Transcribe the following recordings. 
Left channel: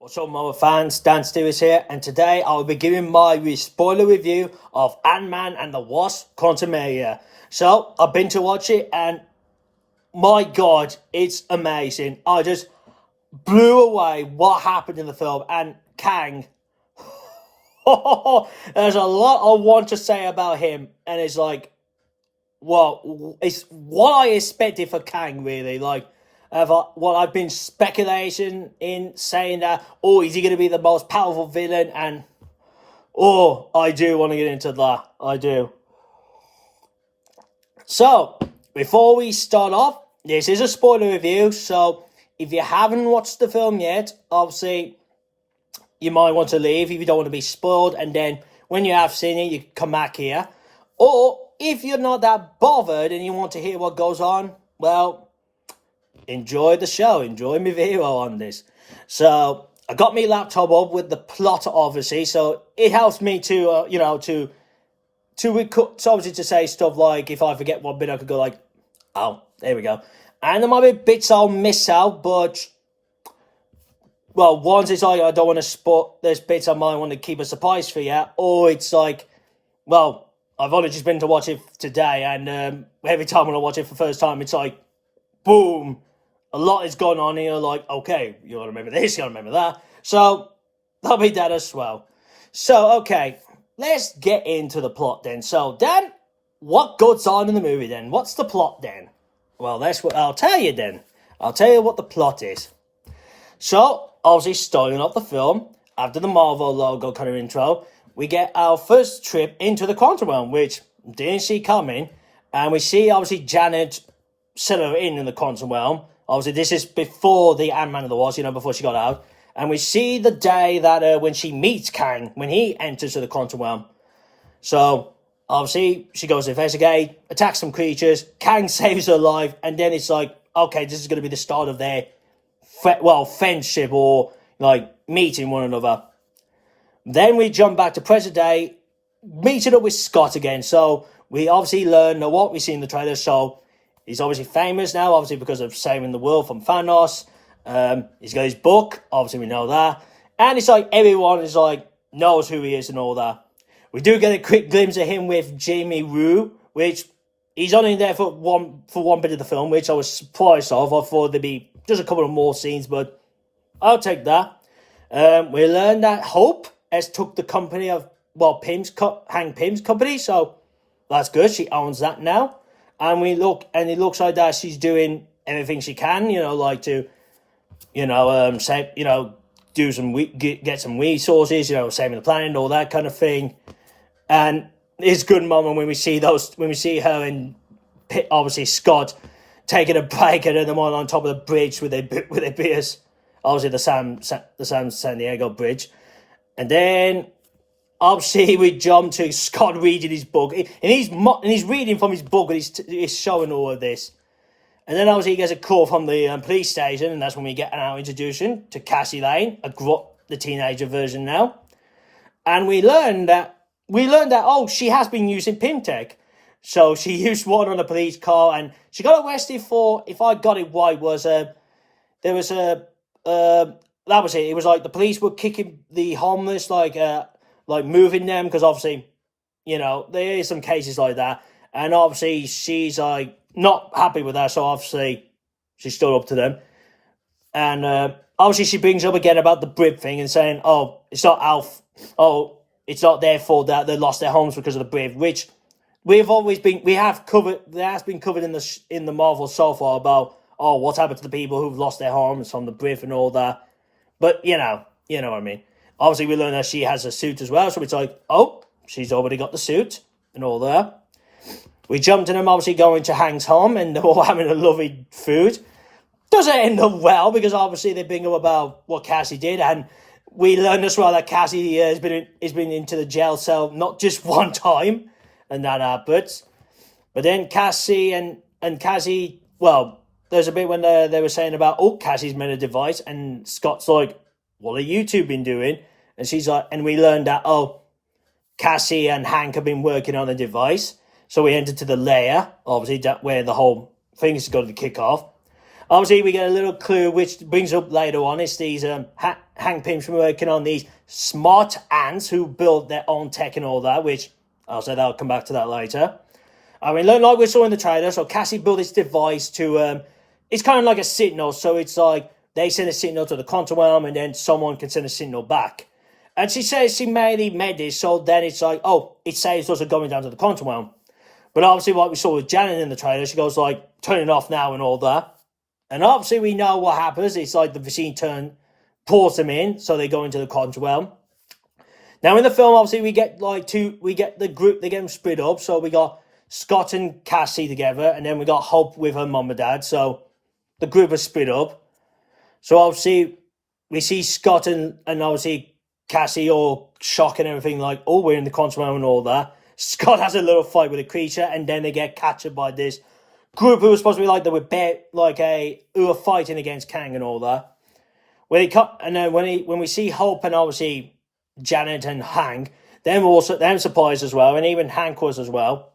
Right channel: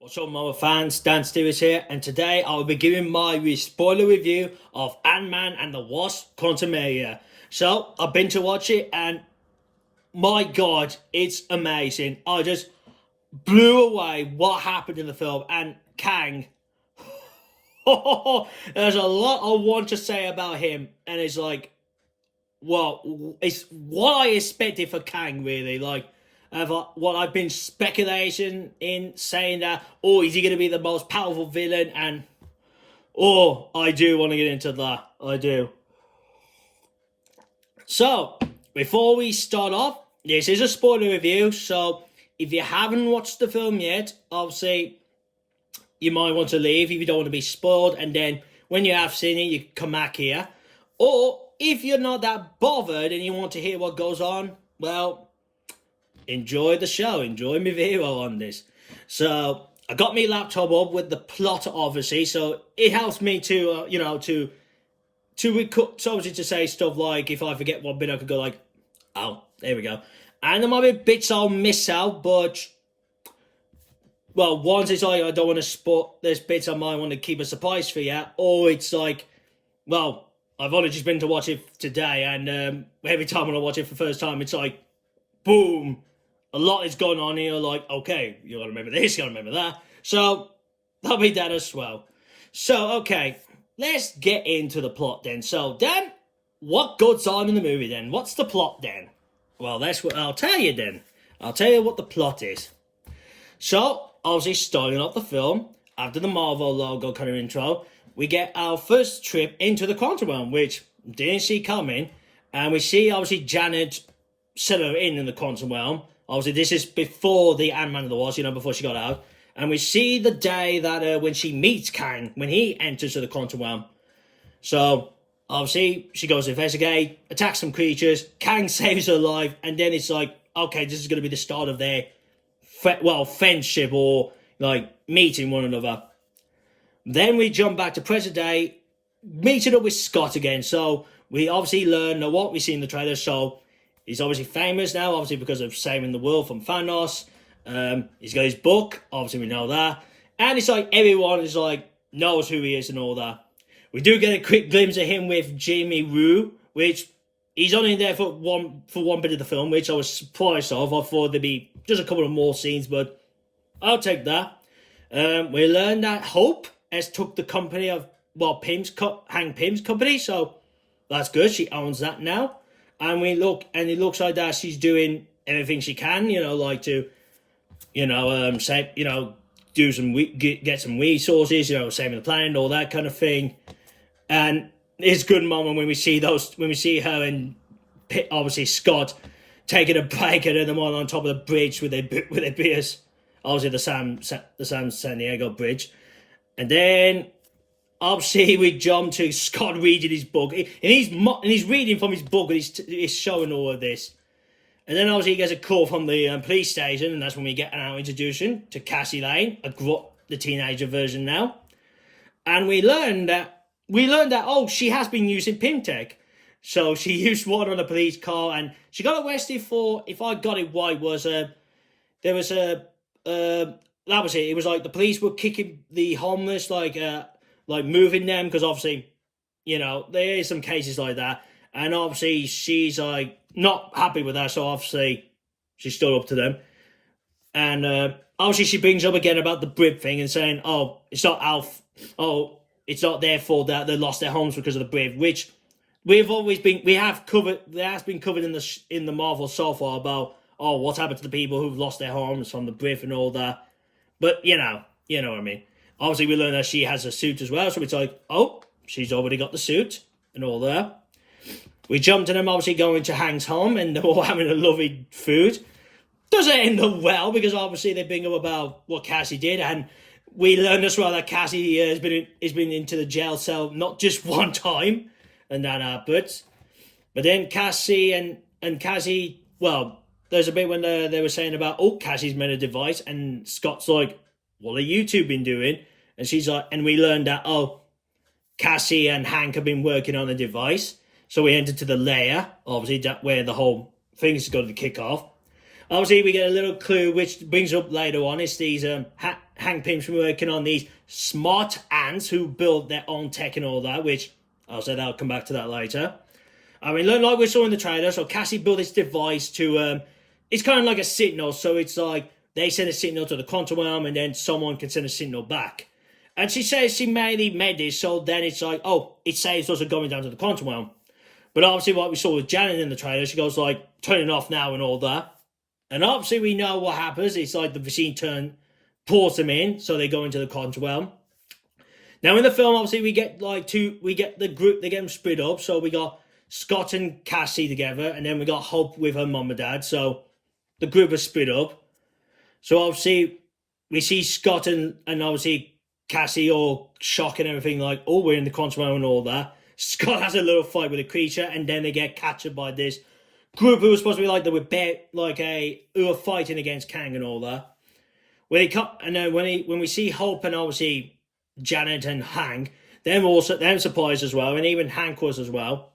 What's up, Mama fans? Dan Stewart here, and today I will be giving my spoiler review of Ant-Man and the Wasp: Quantumania. So, I've been to watch it, and my God, it's amazing. I just blew away what happened in the film, and Kang. There's a lot I want to say about him, and it's like, well, it's what I expected for Kang, really. Like, what I've been speculating in, saying that, oh, is he going to be the most powerful villain? And, oh, I do want to get into that. I do. So, before we start off, this is a spoiler review. So, if you haven't watched the film yet, obviously, you might want to leave if you don't want to be spoiled. And then, when you have seen it, you come back here. Or, if you're not that bothered and you want to hear what goes on, well, enjoy the show. Enjoy my video on this. So, I got my laptop up with the plot, obviously. So, it helps me to, to record, so obviously to say stuff like, if I forget one bit, I could go like, oh, there we go. And there might be bits I'll miss out, but, well, once it's like, I don't want to spoil, there's bits I might want to keep a surprise for you, or it's like, well, I've only just been to watch it today, and every time when I watch it for the first time, it's like, boom, a lot is going on here, like, okay, you gotta remember this, you gotta remember that, so, that'll be that as well. So, okay, let's get into the plot then. So, Dan, what goes on in the movie then? What's the plot then? Well, that's what I'll tell you then. I'll tell you what the plot is. So, obviously, starting off the film, after the Marvel logo kind of intro, we get our first trip into the quantum realm, which didn't see coming. And we see, obviously, Janet settle in the quantum realm. Obviously, this is before the Ant-Man and the Wasp, before she got out. And we see the day that when she meets Kang, when he enters the quantum realm. So, obviously, she goes to investigate, attacks some creatures, Kang saves her life, and then it's like, okay, this is going to be the start of their, friendship or, like, meeting one another. Then we jump back to present day, meeting up with Scott again. So, we obviously learn what we see in the trailer. So, he's obviously famous now, obviously because of saving the world from Thanos. He's got his book, obviously we know that. And it's like everyone is like, knows who he is and all that. We do get a quick glimpse of him with Jamie Rue, which he's only there for one bit of the film, which I was surprised of. I thought there'd be just a couple of more scenes, but I'll take that. We learned that Hope has took the company of, Hank Pym's company, so that's good. She owns that now. And it looks like that she's doing everything she can, like to, say, do some, get some resources, saving the planet, all that kind of thing. And it's a good moment when we see her and obviously Scott taking a break and them all on top of the bridge with their beers, obviously the San Diego bridge. And then obviously we jump to Scott reading his book, and he's reading from his book, and he's showing all of this. And then obviously he gets a call from the police station, and that's when we get our introduction to Cassie Lane, the teenager version now. And we learned that she has been using Pym-Tech. So she used one on a police car, and she got arrested for, if I got it right, that was it. It was like the police were kicking the homeless, like moving them, because obviously, there is some cases like that. And obviously she's like not happy with that, so obviously she stood up to them. And obviously she brings up again about the Brit thing and saying, oh, it's not it's not their fault that they lost their homes because of the Brit, which has been covered in the Marvel so far about, oh, what's happened to the people who've lost their homes from the Brit and all that. But you know what I mean. Obviously we learn that she has a suit as well, so it's like, oh, she's already got the suit and all that. We jump to them obviously going to Hank's home, and they're all having a lovely food. Doesn't end up well, because obviously they bring up about what Cassie did, and we learn as well that Cassie has been into the jail cell not just one time, and that happens. But then Cassie and Cassie, well, there's a bit when they were saying about, oh, Cassie's made a device, and Scott's like, what have you two been doing? And she's like, and we learned that, oh, Cassie and Hank have been working on a device. So we entered to the lair, obviously, where the whole thing is going to kick off. Obviously, we get a little clue which brings up later on. It's these Hank Pym's been working on these smart ants who build their own tech and all that, which I'll say I'll come back to that later. I mean, like we saw in the trailer, so Cassie built this device to, it's kind of like a signal, so it's like they send a signal to the quantum realm and then someone can send a signal back. And she says she mainly made this, so then it's like, oh, it saves us going down to the quantum realm. But obviously what we saw with Janet in the trailer, she goes like, turn it off now and all that. And obviously we know what happens. It's like the machine pulls them in, so they go into the quantum realm. Now in the film, obviously we get the group, they get them split up. So we got Scott and Cassie together, and then we got Hope with her mum and dad. So the group is split up. So obviously we see Scott and obviously Cassie all shocked and everything, like, oh, we're in the quantum realm and all that. Scott has a little fight with a creature, and then they get captured by this group who was supposed to be like who were fighting against Kang and all that. And then when we see Hope and obviously Janet and Hank, them surprised as well, and even Hank was as well.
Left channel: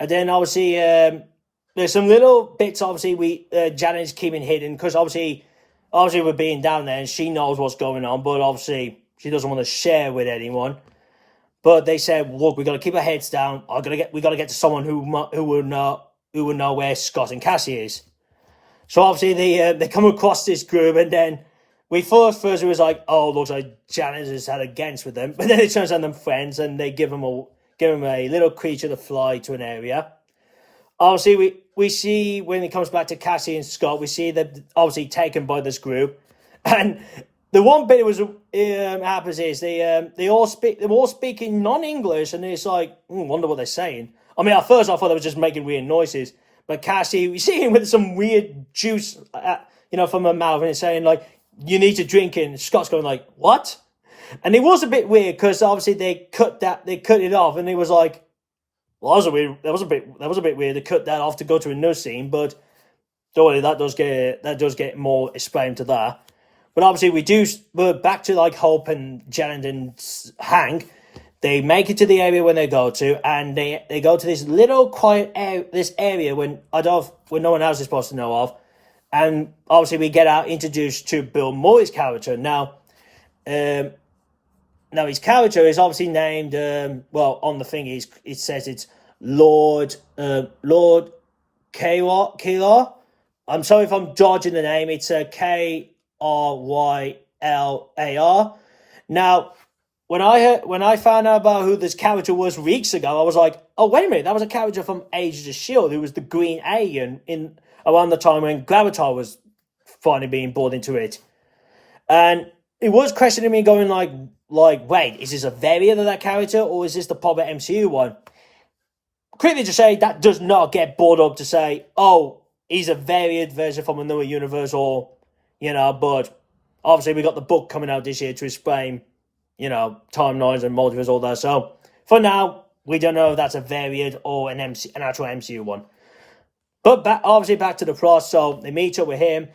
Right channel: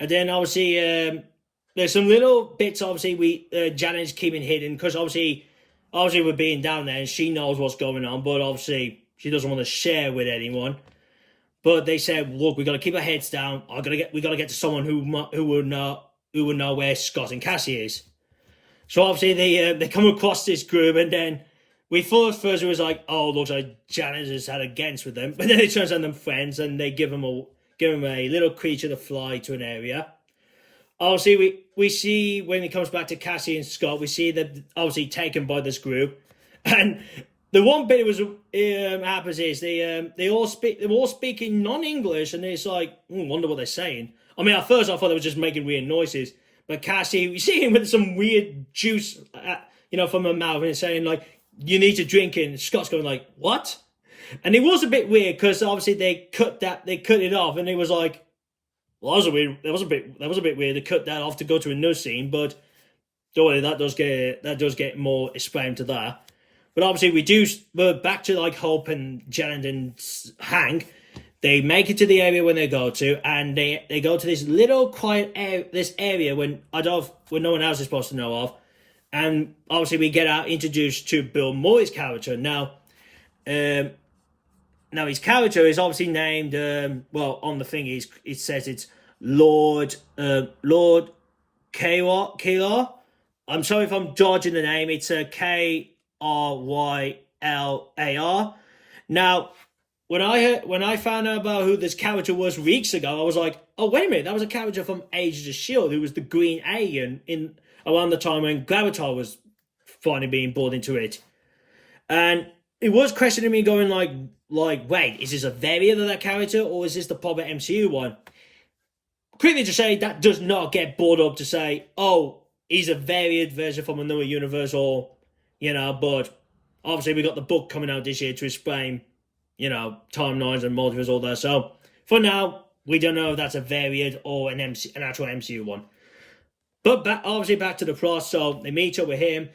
And then obviously there's some little bits. Obviously Janet's keeping hidden because obviously we're being down there and she knows what's going on, but obviously she doesn't want to share with anyone. But they said, look, we got to keep our heads down. We got to get to someone who would know where Scott and Cassie is. So obviously they come across this group, and then we first it was like, oh, looks like Janet has had against with them, but then it turns out them friends, and they give him a little creature to fly to an area. Obviously, we see when it comes back to Cassie and Scott, we see that obviously taken by this group, and the one bit happens is they're all speaking non-English, and it's like, wonder what they're saying. I mean, at first I thought they were just making weird noises, but Cassie, we see him with some weird juice, from her mouth, and it's saying like, you need to drink it. And Scott's going like, what? And it was a bit weird because obviously they cut it off, and it was like, well, that was a bit weird to cut that off to go to another scene, but don't worry, that does get more explained to that. But obviously we're back to like Hope and Janet and Hank. They make it to the area when they go to, and they go to this little quiet area when no one else is supposed to know of. And obviously we get introduced to Bill Murray's character. Now his character is obviously named, on the thing it says it's Lord Krylar. I'm sorry if I'm dodging the name. It's Krylar. Now, when I found out about who this character was weeks ago, I was like, oh, wait a minute, that was a character from Agents of S.H.I.E.L.D. who was the green alien around the time when Gravitar was finally being brought into it. And it was questioning me, going like, wait, is this a variant of that character, or is this the proper MCU one? Quickly to say, that does not get brought up to say, oh, he's a variant version from another universe, or, but obviously we got the book coming out this year to explain, timelines and multiverse, all that. So for now, we don't know if that's a variant or an actual MCU one. But obviously back to the plot. So they meet up with him.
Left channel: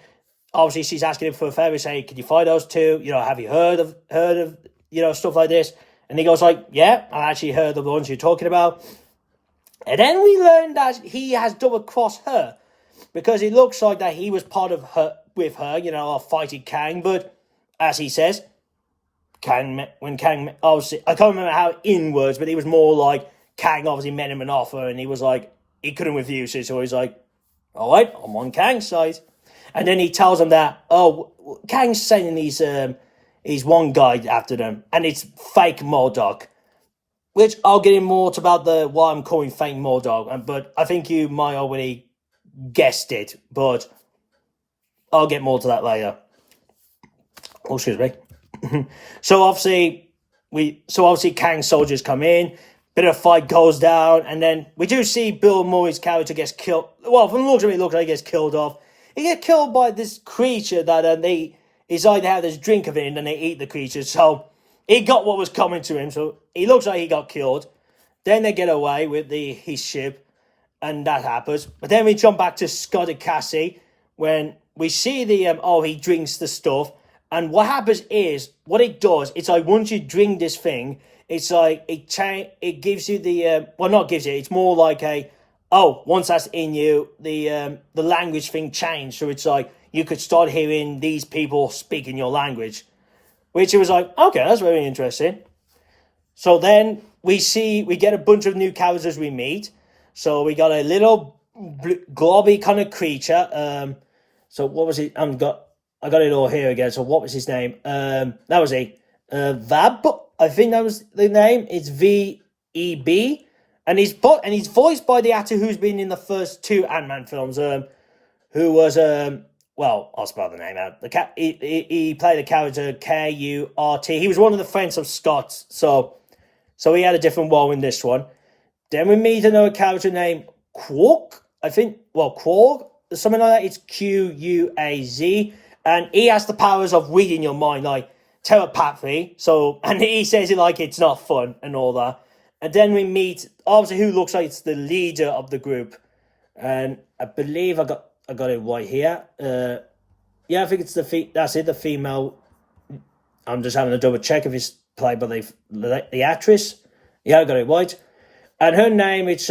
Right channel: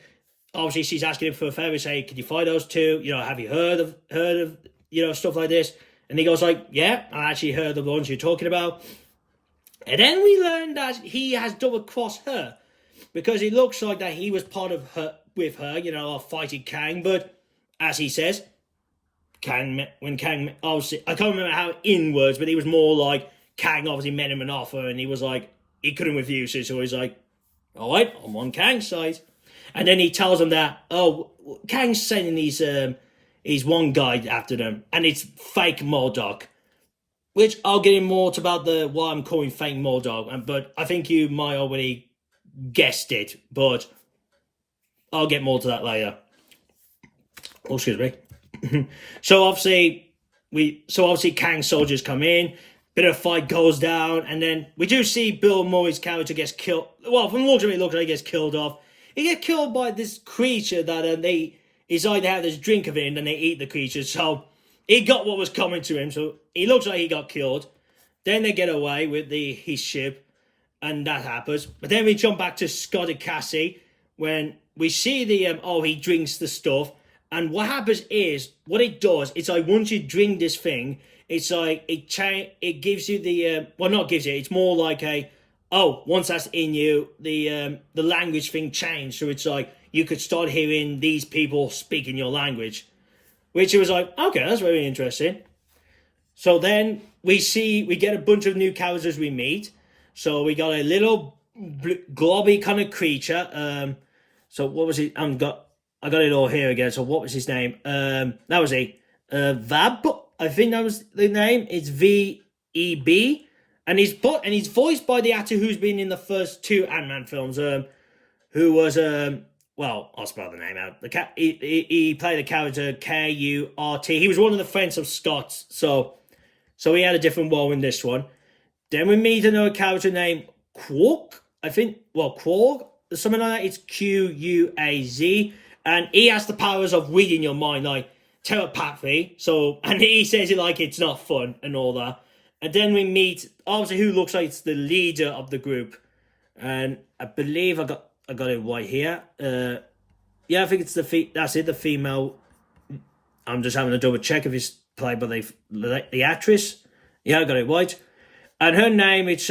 Obviously she's asking him for a favor, saying, "Can you find those two? Have you heard of stuff like this?" And he goes like, "Yeah, I actually heard of the ones you're talking about." And then we learn that he has double crossed her, because it looks like that he was part of her with her, fighting Kang. But as he says, when Kang, obviously, I can't remember how in words, but it was more like Kang obviously made him an offer, and he was like, he couldn't refuse it, so he's like, all right, I'm on Kang's side. And then he tells him that, oh, Kang's sending he's one guy after them, and it's fake M.O.D.O.K, which I'll get in more about why I'm calling fake M.O.D.O.K, but I think you might already guessed it, but I'll get more to that later. Oh, excuse me. So obviously Kang's soldiers come in, bit of fight goes down, and then we do see Bill Murray's character gets killed. Well, from the looks of it, looks like he gets killed off. He gets killed by this creature that they decide to have this drink of it, and then they eat the creature. So he got what was coming to him. So he looks like he got killed. Then they get away with his ship, and that happens. But then we jump back to Scott and Cassie when we see he drinks the stuff. And what happens is, what it does, it's like once you drink this thing, it's like it gives you the, not gives you, it's more like once that's in you, the language thing changed. So it's like you could start hearing these people speaking your language, which it was like, okay, that's very interesting. So then we get a bunch of new characters we meet. So we got a little globby kind of creature. So what was it? I got it all here again. So what was his name? That was Vab. I think that was the name. It's VEB, and he's voiced by the actor who's been in the first two Ant-Man films. Who was well, I'll spell the name out. He played the character Kurt. He was one of the friends of Scott. So he had a different role in this one. Then we meet another character named Quark. I think, Quark, something like that. It's Quaz. And he has the powers of reading your mind, like telepathy. So, and he says it like it's not fun and all that. And then we meet, obviously, who looks like it's the leader of the group. And I believe I got it right here. Yeah, I think it's the female. I'm just having a double check if it's played by the actress. Yeah, I got it right. And her name, it's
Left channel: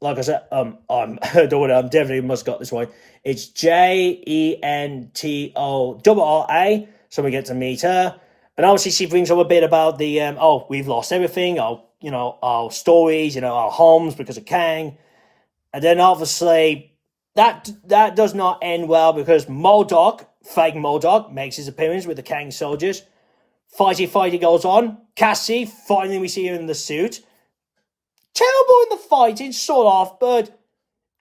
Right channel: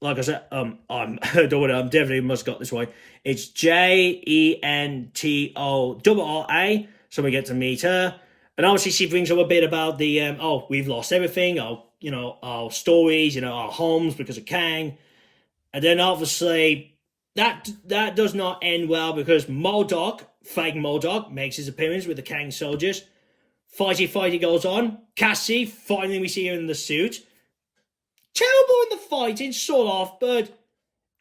like I said, I'm definitely must got this right. It's Jentorra. So we get to meet her, and obviously she brings up a bit about the we've lost everything, our stories, our homes because of Kang, and then obviously that does not end well because M.O.D.O.K, fake M.O.D.O.K, makes his appearance with the Kang soldiers. Fighty goes on. Cassie, finally we see her in the suit. Terrible in the fighting, sort of, but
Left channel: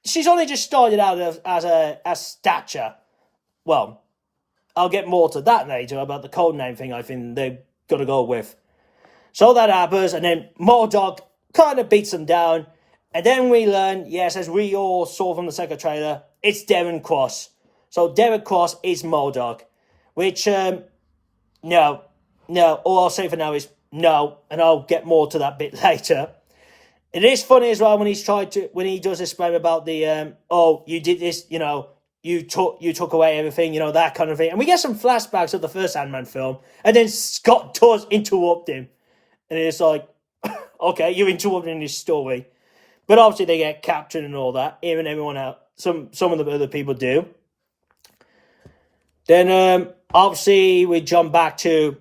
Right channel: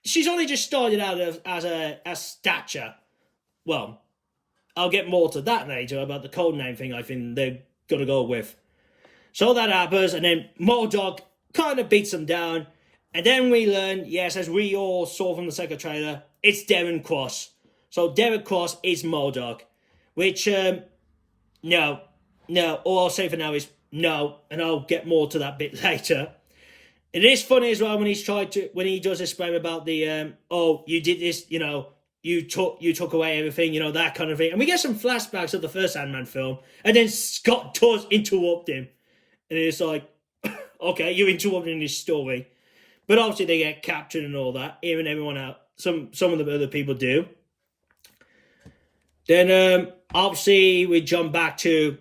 she's only just started out as Stature. Well, I'll get more to that later about the code name thing I think they've got to go with. So that happens, and then M.O.D.O.K kind of beats them down, and then we learn, yes, as we all saw from the second trailer, it's Darren Cross. So Darren Cross is M.O.D.O.K, which, no, all I'll say for now is no, and I'll get more to that bit later. It is funny as well when he does explain about the you did this, you took away everything, that kind of thing. And we get some flashbacks of the first Ant-Man film, and then Scott does interrupt him. And it's like, okay, you're interrupting his story. But obviously they get captured and all that, even everyone out. Some of the other people do. Then obviously we jump back to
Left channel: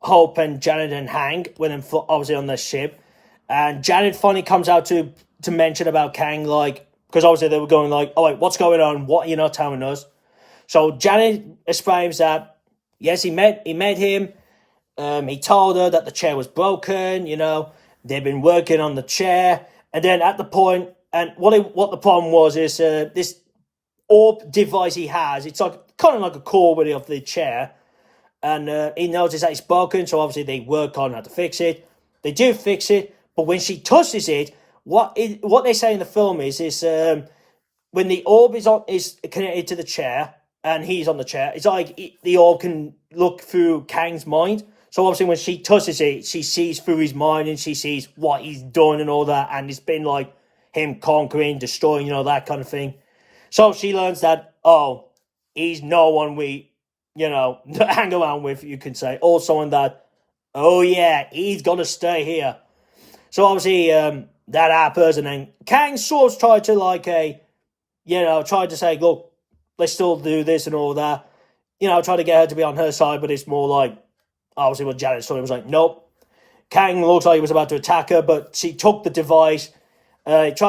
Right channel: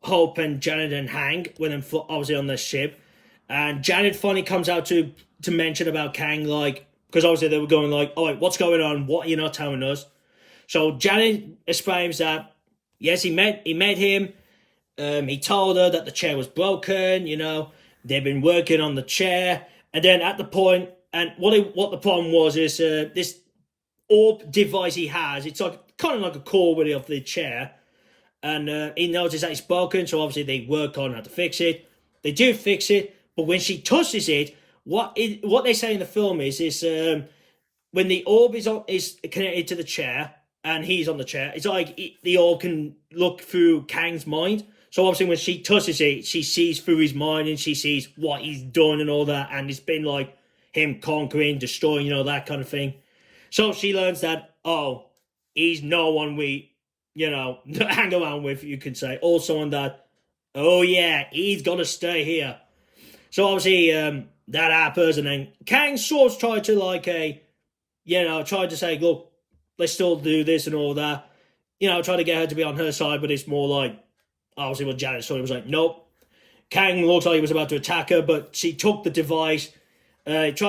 Hope and Janet and Hank when they're obviously on the ship. And Janet finally comes out to mention about Kang, like, because obviously they were going like, oh, wait, what's going on? What are you not telling us? So Janet explains that, yes, he met him. He told her that the chair was broken, they've been working on the chair. And then at the point, and what the problem was is this orb device he has, it's like kind of like a core really of the chair. And he noticed that it's broken, so obviously they work on how to fix it. They do fix it. But when she touches it, what they say in the film is when the orb is connected to the chair and he's on the chair, it's like the orb can look through Kang's mind. So obviously when she touches it, she sees through his mind and she sees what he's done and all that. And it's been like him conquering, destroying, that kind of thing. So she learns that, he's no one we, hang around with, you can say. Or someone that, he's got to stay here. So obviously that happens, and then Kang sort of tried to say, look, let's still do this and all that. Try to get her to be on her side, but it's more like, obviously what Janet saw, was like, nope. Kang looks like he was about to attack her, but she took the device, did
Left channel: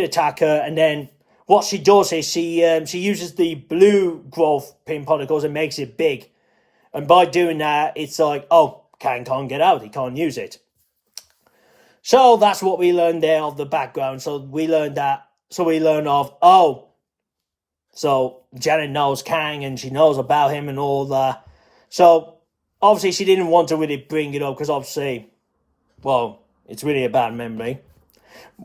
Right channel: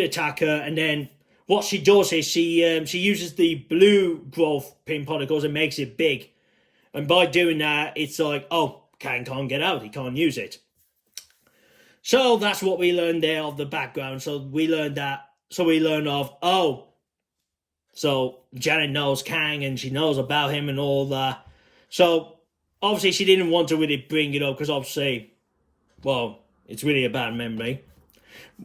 attack her, and then what she does is she uses the blue growth pin particles and makes it big. And by doing that, it's like, Kang can't get out, he can't use it. So that's what we learned there of the background. So we learned so Janet knows Kang and she knows about him and all that. So obviously she didn't want to really bring it up because obviously, it's really a bad memory.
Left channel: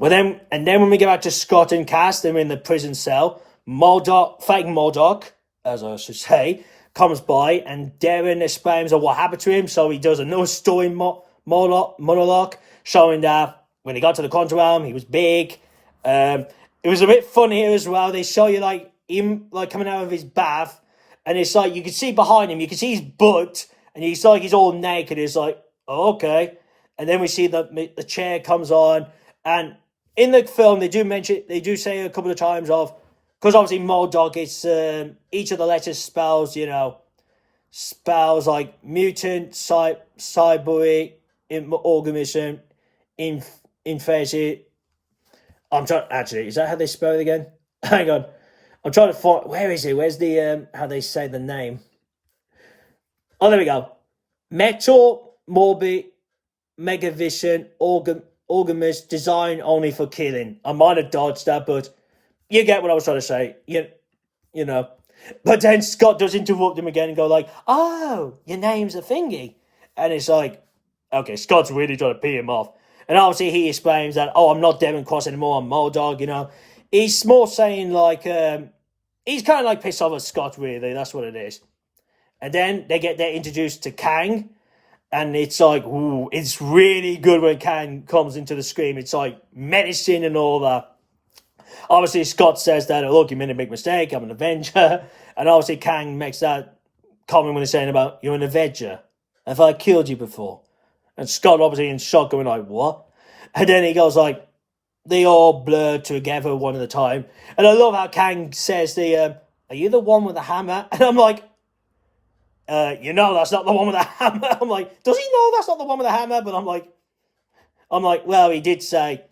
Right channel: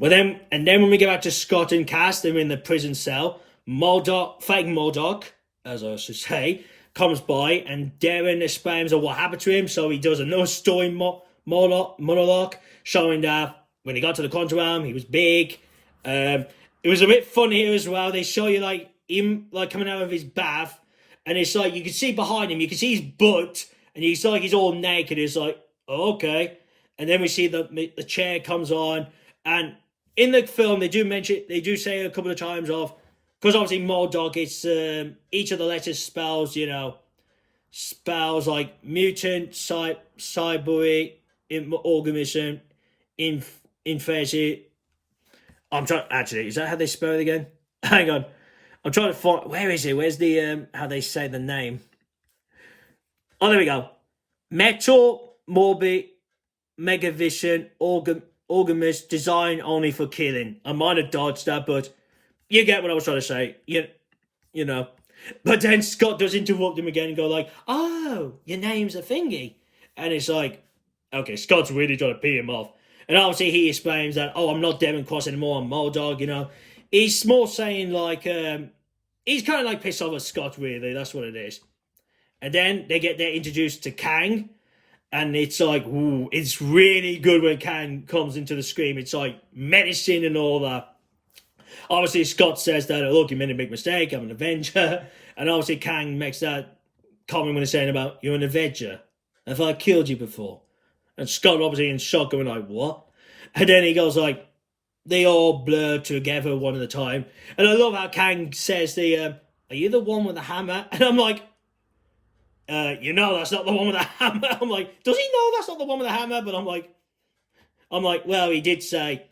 And then when we get back to Scott and Cass, they're in the prison cell. Fake M.O.D.O.K, as I should say, comes by and Darren explains what happened to him. So he does another story monologue showing that when he got to the quantum realm, he was big. It was a bit fun here as well. They show you like him like coming out of his bath, and it's like you can see behind him, you can see his butt, and he's all naked. It's like, okay. And then we see the chair comes on, and in the film, they do say a couple of times of, because obviously M.O.D.O.K, it's each of the letters spells, spells like mutant, cyborg, organism, infection. I'm trying. Actually, is that how they spell it again? Hang on, I'm trying to find. Where is it? Where's the how they say the name? Oh, there we go. Metal, Morbi, Megavision, Orgamus, designed only for killing. I might have dodged that, but you get what I was trying to say. You know. But then Scott does interrupt him again and go like, "Oh, your name's a thingy," and it's like, okay, Scott's really trying to pee him off. And obviously he explains that, oh, I'm not Darren Cross anymore, I'm M.O.D.O.K, He's more saying like, he's kind of like pissed off at Scott, really. That's what it is. And then they're introduced to Kang. And it's like, ooh, it's really good when Kang comes into the screen. It's like medicine and all that. Obviously, Scott says that, oh, look, you made a big mistake, I'm an Avenger. And obviously Kang makes that comment when he's saying about, you're an Avenger. Have I killed you before? And Scott obviously in shock going like, what? And then he goes like, they all blur together one at a time. And I love how Kang says are you the one with the hammer? And I'm like, that's not the one with the hammer. I'm like, does he know that's not the one with the hammer? But I'm like, well, he did say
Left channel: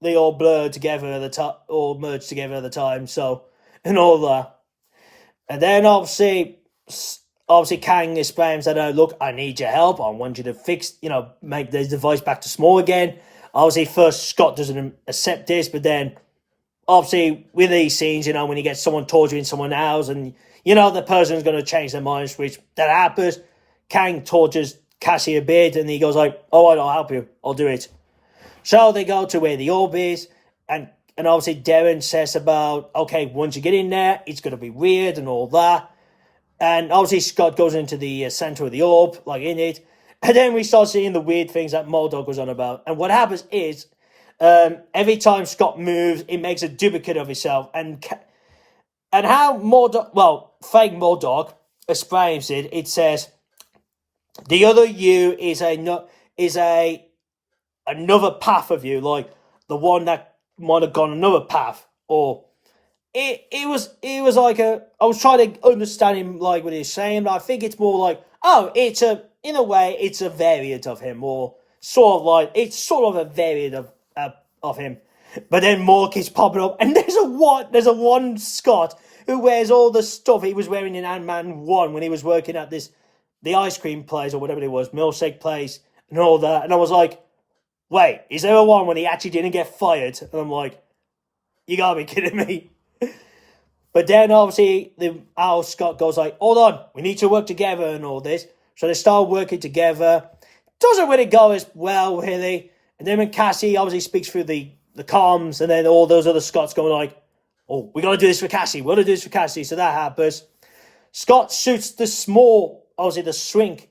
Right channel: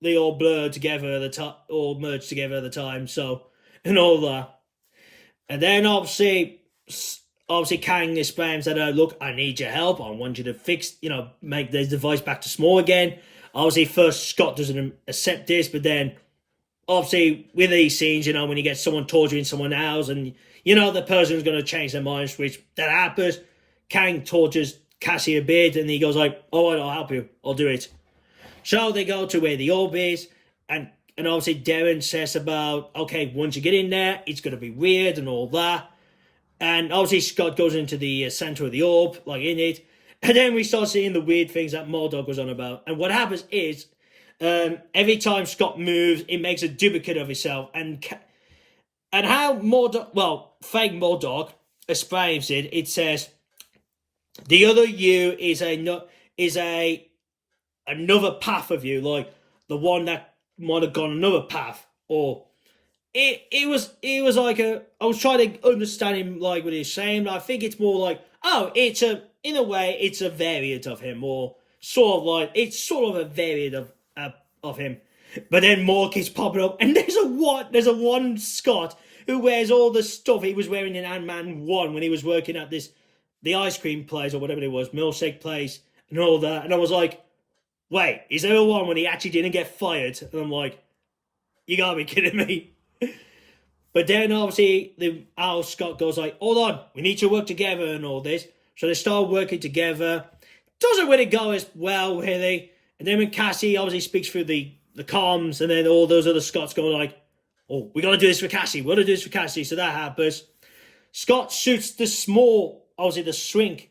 they all blur together at the time, all merge together at the time, so, and all that. And then obviously Kang explains that, look, I need your help. I want you to fix, make the device back to small again. Obviously, first Scott doesn't accept this, but then obviously with these scenes, when you get someone torturing someone else and, the person's going to change their mind, which that happens. Kang tortures Cassie a bit and he goes like, oh, I'll help you. I'll do it. So they go to where the orb is and obviously Darren says about, okay, once you get in there, it's going to be weird and all that. And obviously Scott goes into the center of the orb, like in it. And then we start seeing the weird things that M.O.D.O.K was on about. And what happens is, every time Scott moves, it makes a duplicate of itself. And how fake M.O.D.O.K explains it, it says, the other you is another path of you, like the one that might have gone another path, or it was like I was trying to understand him like what he's saying, but I think it's more like, oh, in a way it's a variant of him, or sort of like it's sort of a variant of him. But then more keeps popping up, and there's a one Scott who wears all the stuff he was wearing in Ant-Man 1 when he was working at the ice cream place or whatever it was, milkshake place and all that, and I was like, wait, is there a one when he actually didn't get fired? And I'm like, you gotta be kidding me. But then obviously Scott goes like, hold on, we need to work together and all this. So they start working together. Doesn't really go as well, really. And then when Cassie obviously speaks through the comms, and then all those other Scots going like, oh, we gotta do this for Cassie. We gotta do this for Cassie. So that happens. Scott shoots the small, obviously the shrink,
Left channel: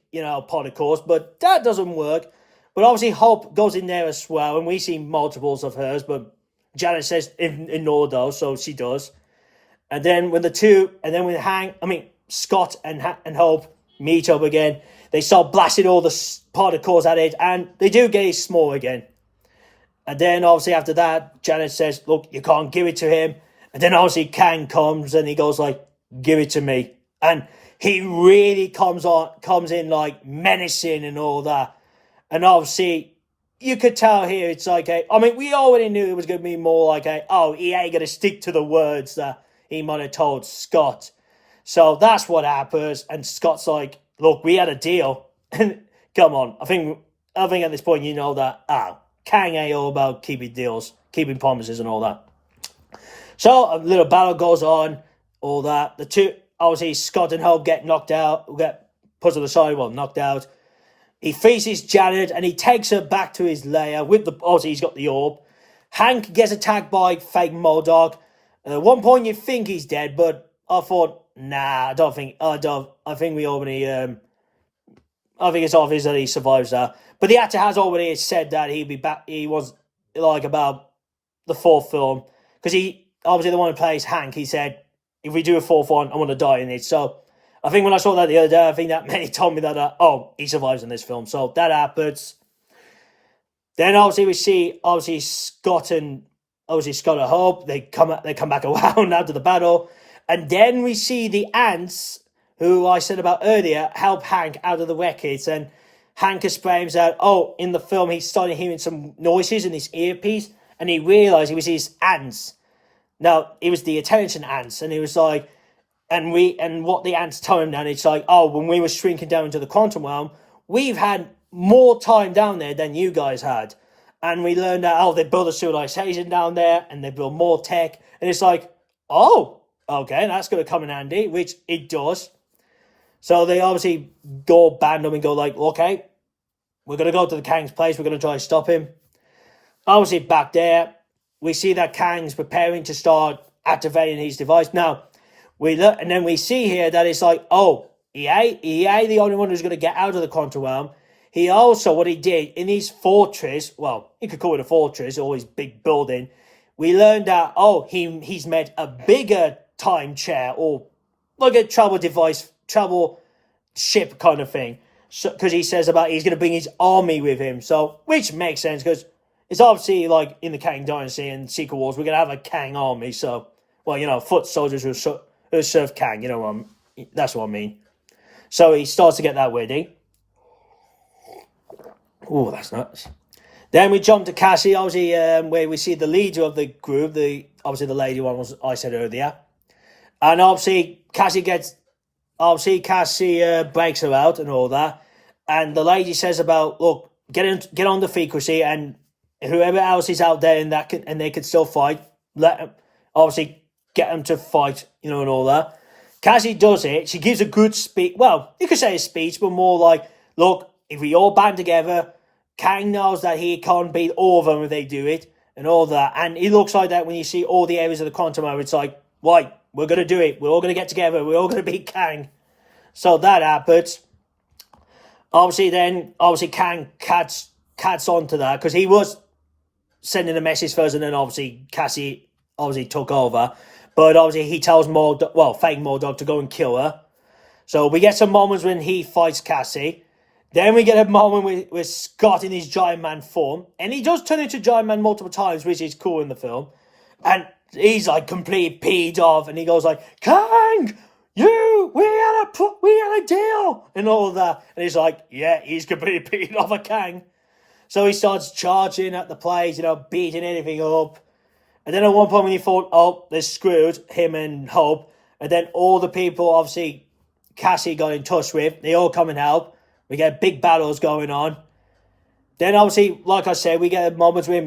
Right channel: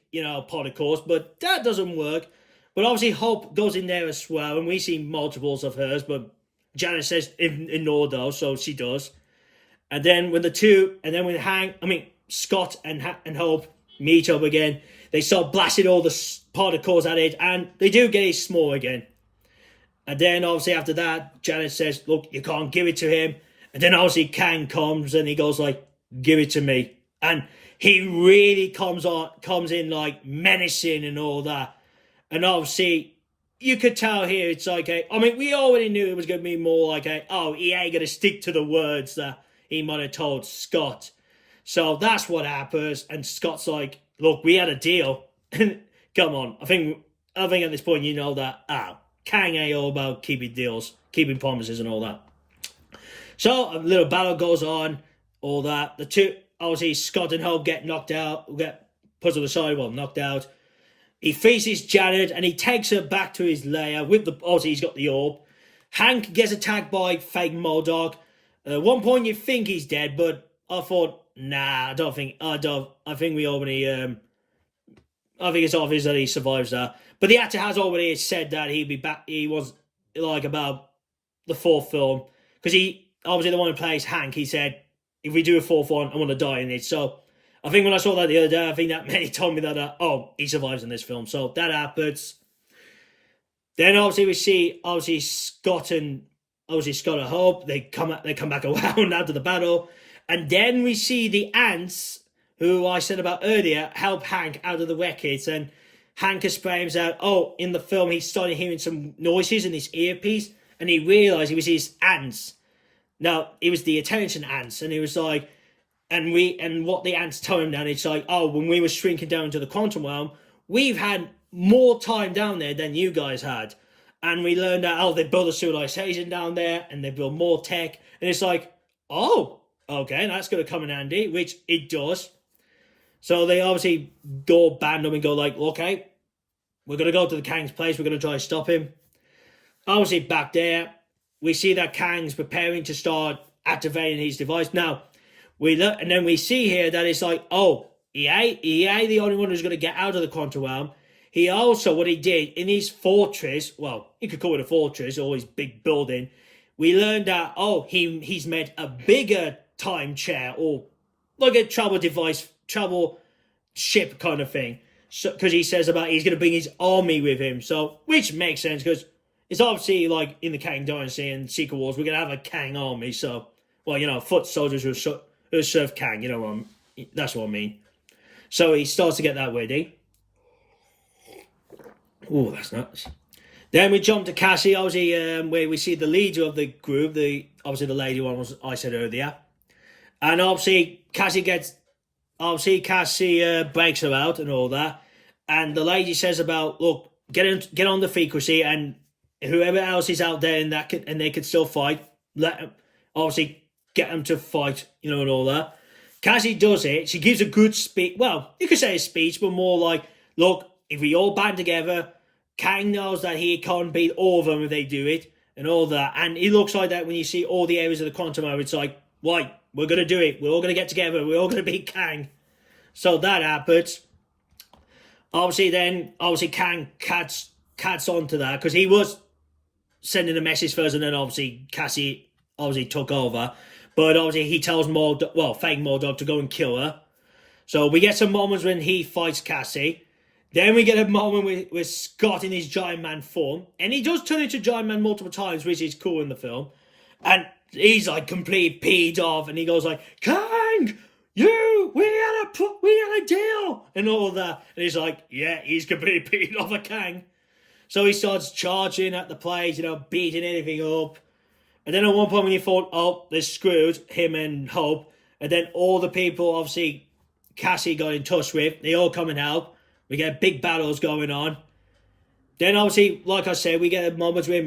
pod, of course, but that doesn't work. But obviously Hope goes in there as well, and we see multiples of hers, but Janet says ignore those, so she does. And then when Scott and Hope meet up again, they start blasting all the particles at it, and they do get it small again. And then obviously after that, Janet says, look, you can't give it to him. And then obviously Kang comes and he goes like, give it to me. And he really comes in like menacing and all that. And obviously, you could tell here it's like we already knew it was going to be more like he ain't going to stick to the words that he might have told Scott. So that's what happens. And Scott's like, look, we had a deal. And come on, I think at this point you know that, Kang ain't all about keeping deals, keeping promises and all that. So a little battle goes on, all that. The two, obviously Scott and Hope get knocked out, get put to the side, knocked out. He faces Janet and he takes her back to his lair with obviously he's got the orb. Hank gets attacked by fake M.O.D.O.K. At one point you think he's dead, but I thought, nah, I think we already, I think it's obvious that he survives that. But the actor has already said that he'd be back, he was like about the fourth film. Because he, obviously the one who plays Hank, he said, if we do a fourth one, I want to die in it. So I think when I saw that the other day, I think that many told me that, he survives in this film. So that happens. Then obviously we see Scott and Hope. They come back around after the battle, and then we see the ants who I said about earlier help Hank out of the wreckage, and Hank exclaims out, "Oh!" In the film, he started hearing some noises in his earpiece, and he realized it was his ants. Now it was the attention ants, and he was like, and what the ants told him then, it's like, "Oh, when we were shrinking down into the quantum realm, we've had more time down there than you guys had." And we learned that, oh, they built a civilization down there and they built more tech. And it's like, oh, okay, that's going to come in handy, which it does. So they obviously go band them and go like, okay, we're going to go to the Kang's place. We're going to try to stop him. Obviously, back there, we see that Kang's preparing to start activating his device. Now, and then we see here that it's like, oh, he ain't the only one who's going to get out of the quantum realm. He also, what he did in his fortress, well, you could call it a fortress or his big building, we learned that, oh, he's made a bigger time chair or like a travel ship kind of thing. So, because he says about he's going to bring his army with him. So, which makes sense because it's obviously like in the Kang Dynasty and Secret Wars, we're going to have a Kang army. So, well, foot soldiers who serve Kang, that's what I mean. So he starts to get that ready. Oh, that's nuts. Then we jump to Cassie, obviously, where we see the leader of the group, obviously the lady one was I said earlier. And obviously Cassie breaks her out and all that. And the lady says about, look, get on the frequency, and whoever else is out there and they can still fight, let them, obviously get them to fight, and all that. Cassie does it. She gives a good speech. Well, you could say a speech, but more like, look, if we all band together, Kang knows that he can't beat all of them if they do it, and all that. And it looks like that when you see all the areas of the quantum realm, it's like, right, we're going to do it. We're all going to get together. We're all going to beat Kang. So that happens. Obviously, Kang cats onto that, because he was sending a message first, and then obviously Cassie took over. But obviously he tells fake M.O.D.O.K to go and kill her. So we get some moments when he fights Cassie. Then we get a moment with Scott in his Giant Man form. And he does turn into Giant Man multiple times, which is cool in the film. And he's like completely peed off. And he goes like, Kang, we had a deal. And all that. And he's like, yeah, he's completely peed off at Kang. So he starts charging at the place, beating anything up. And then at one point when he thought, oh, they're screwed, him and Hope. And then all the people, obviously, Cassie got in touch with, they all come and help. We get big battles going on. Then obviously, like I said, we get moments with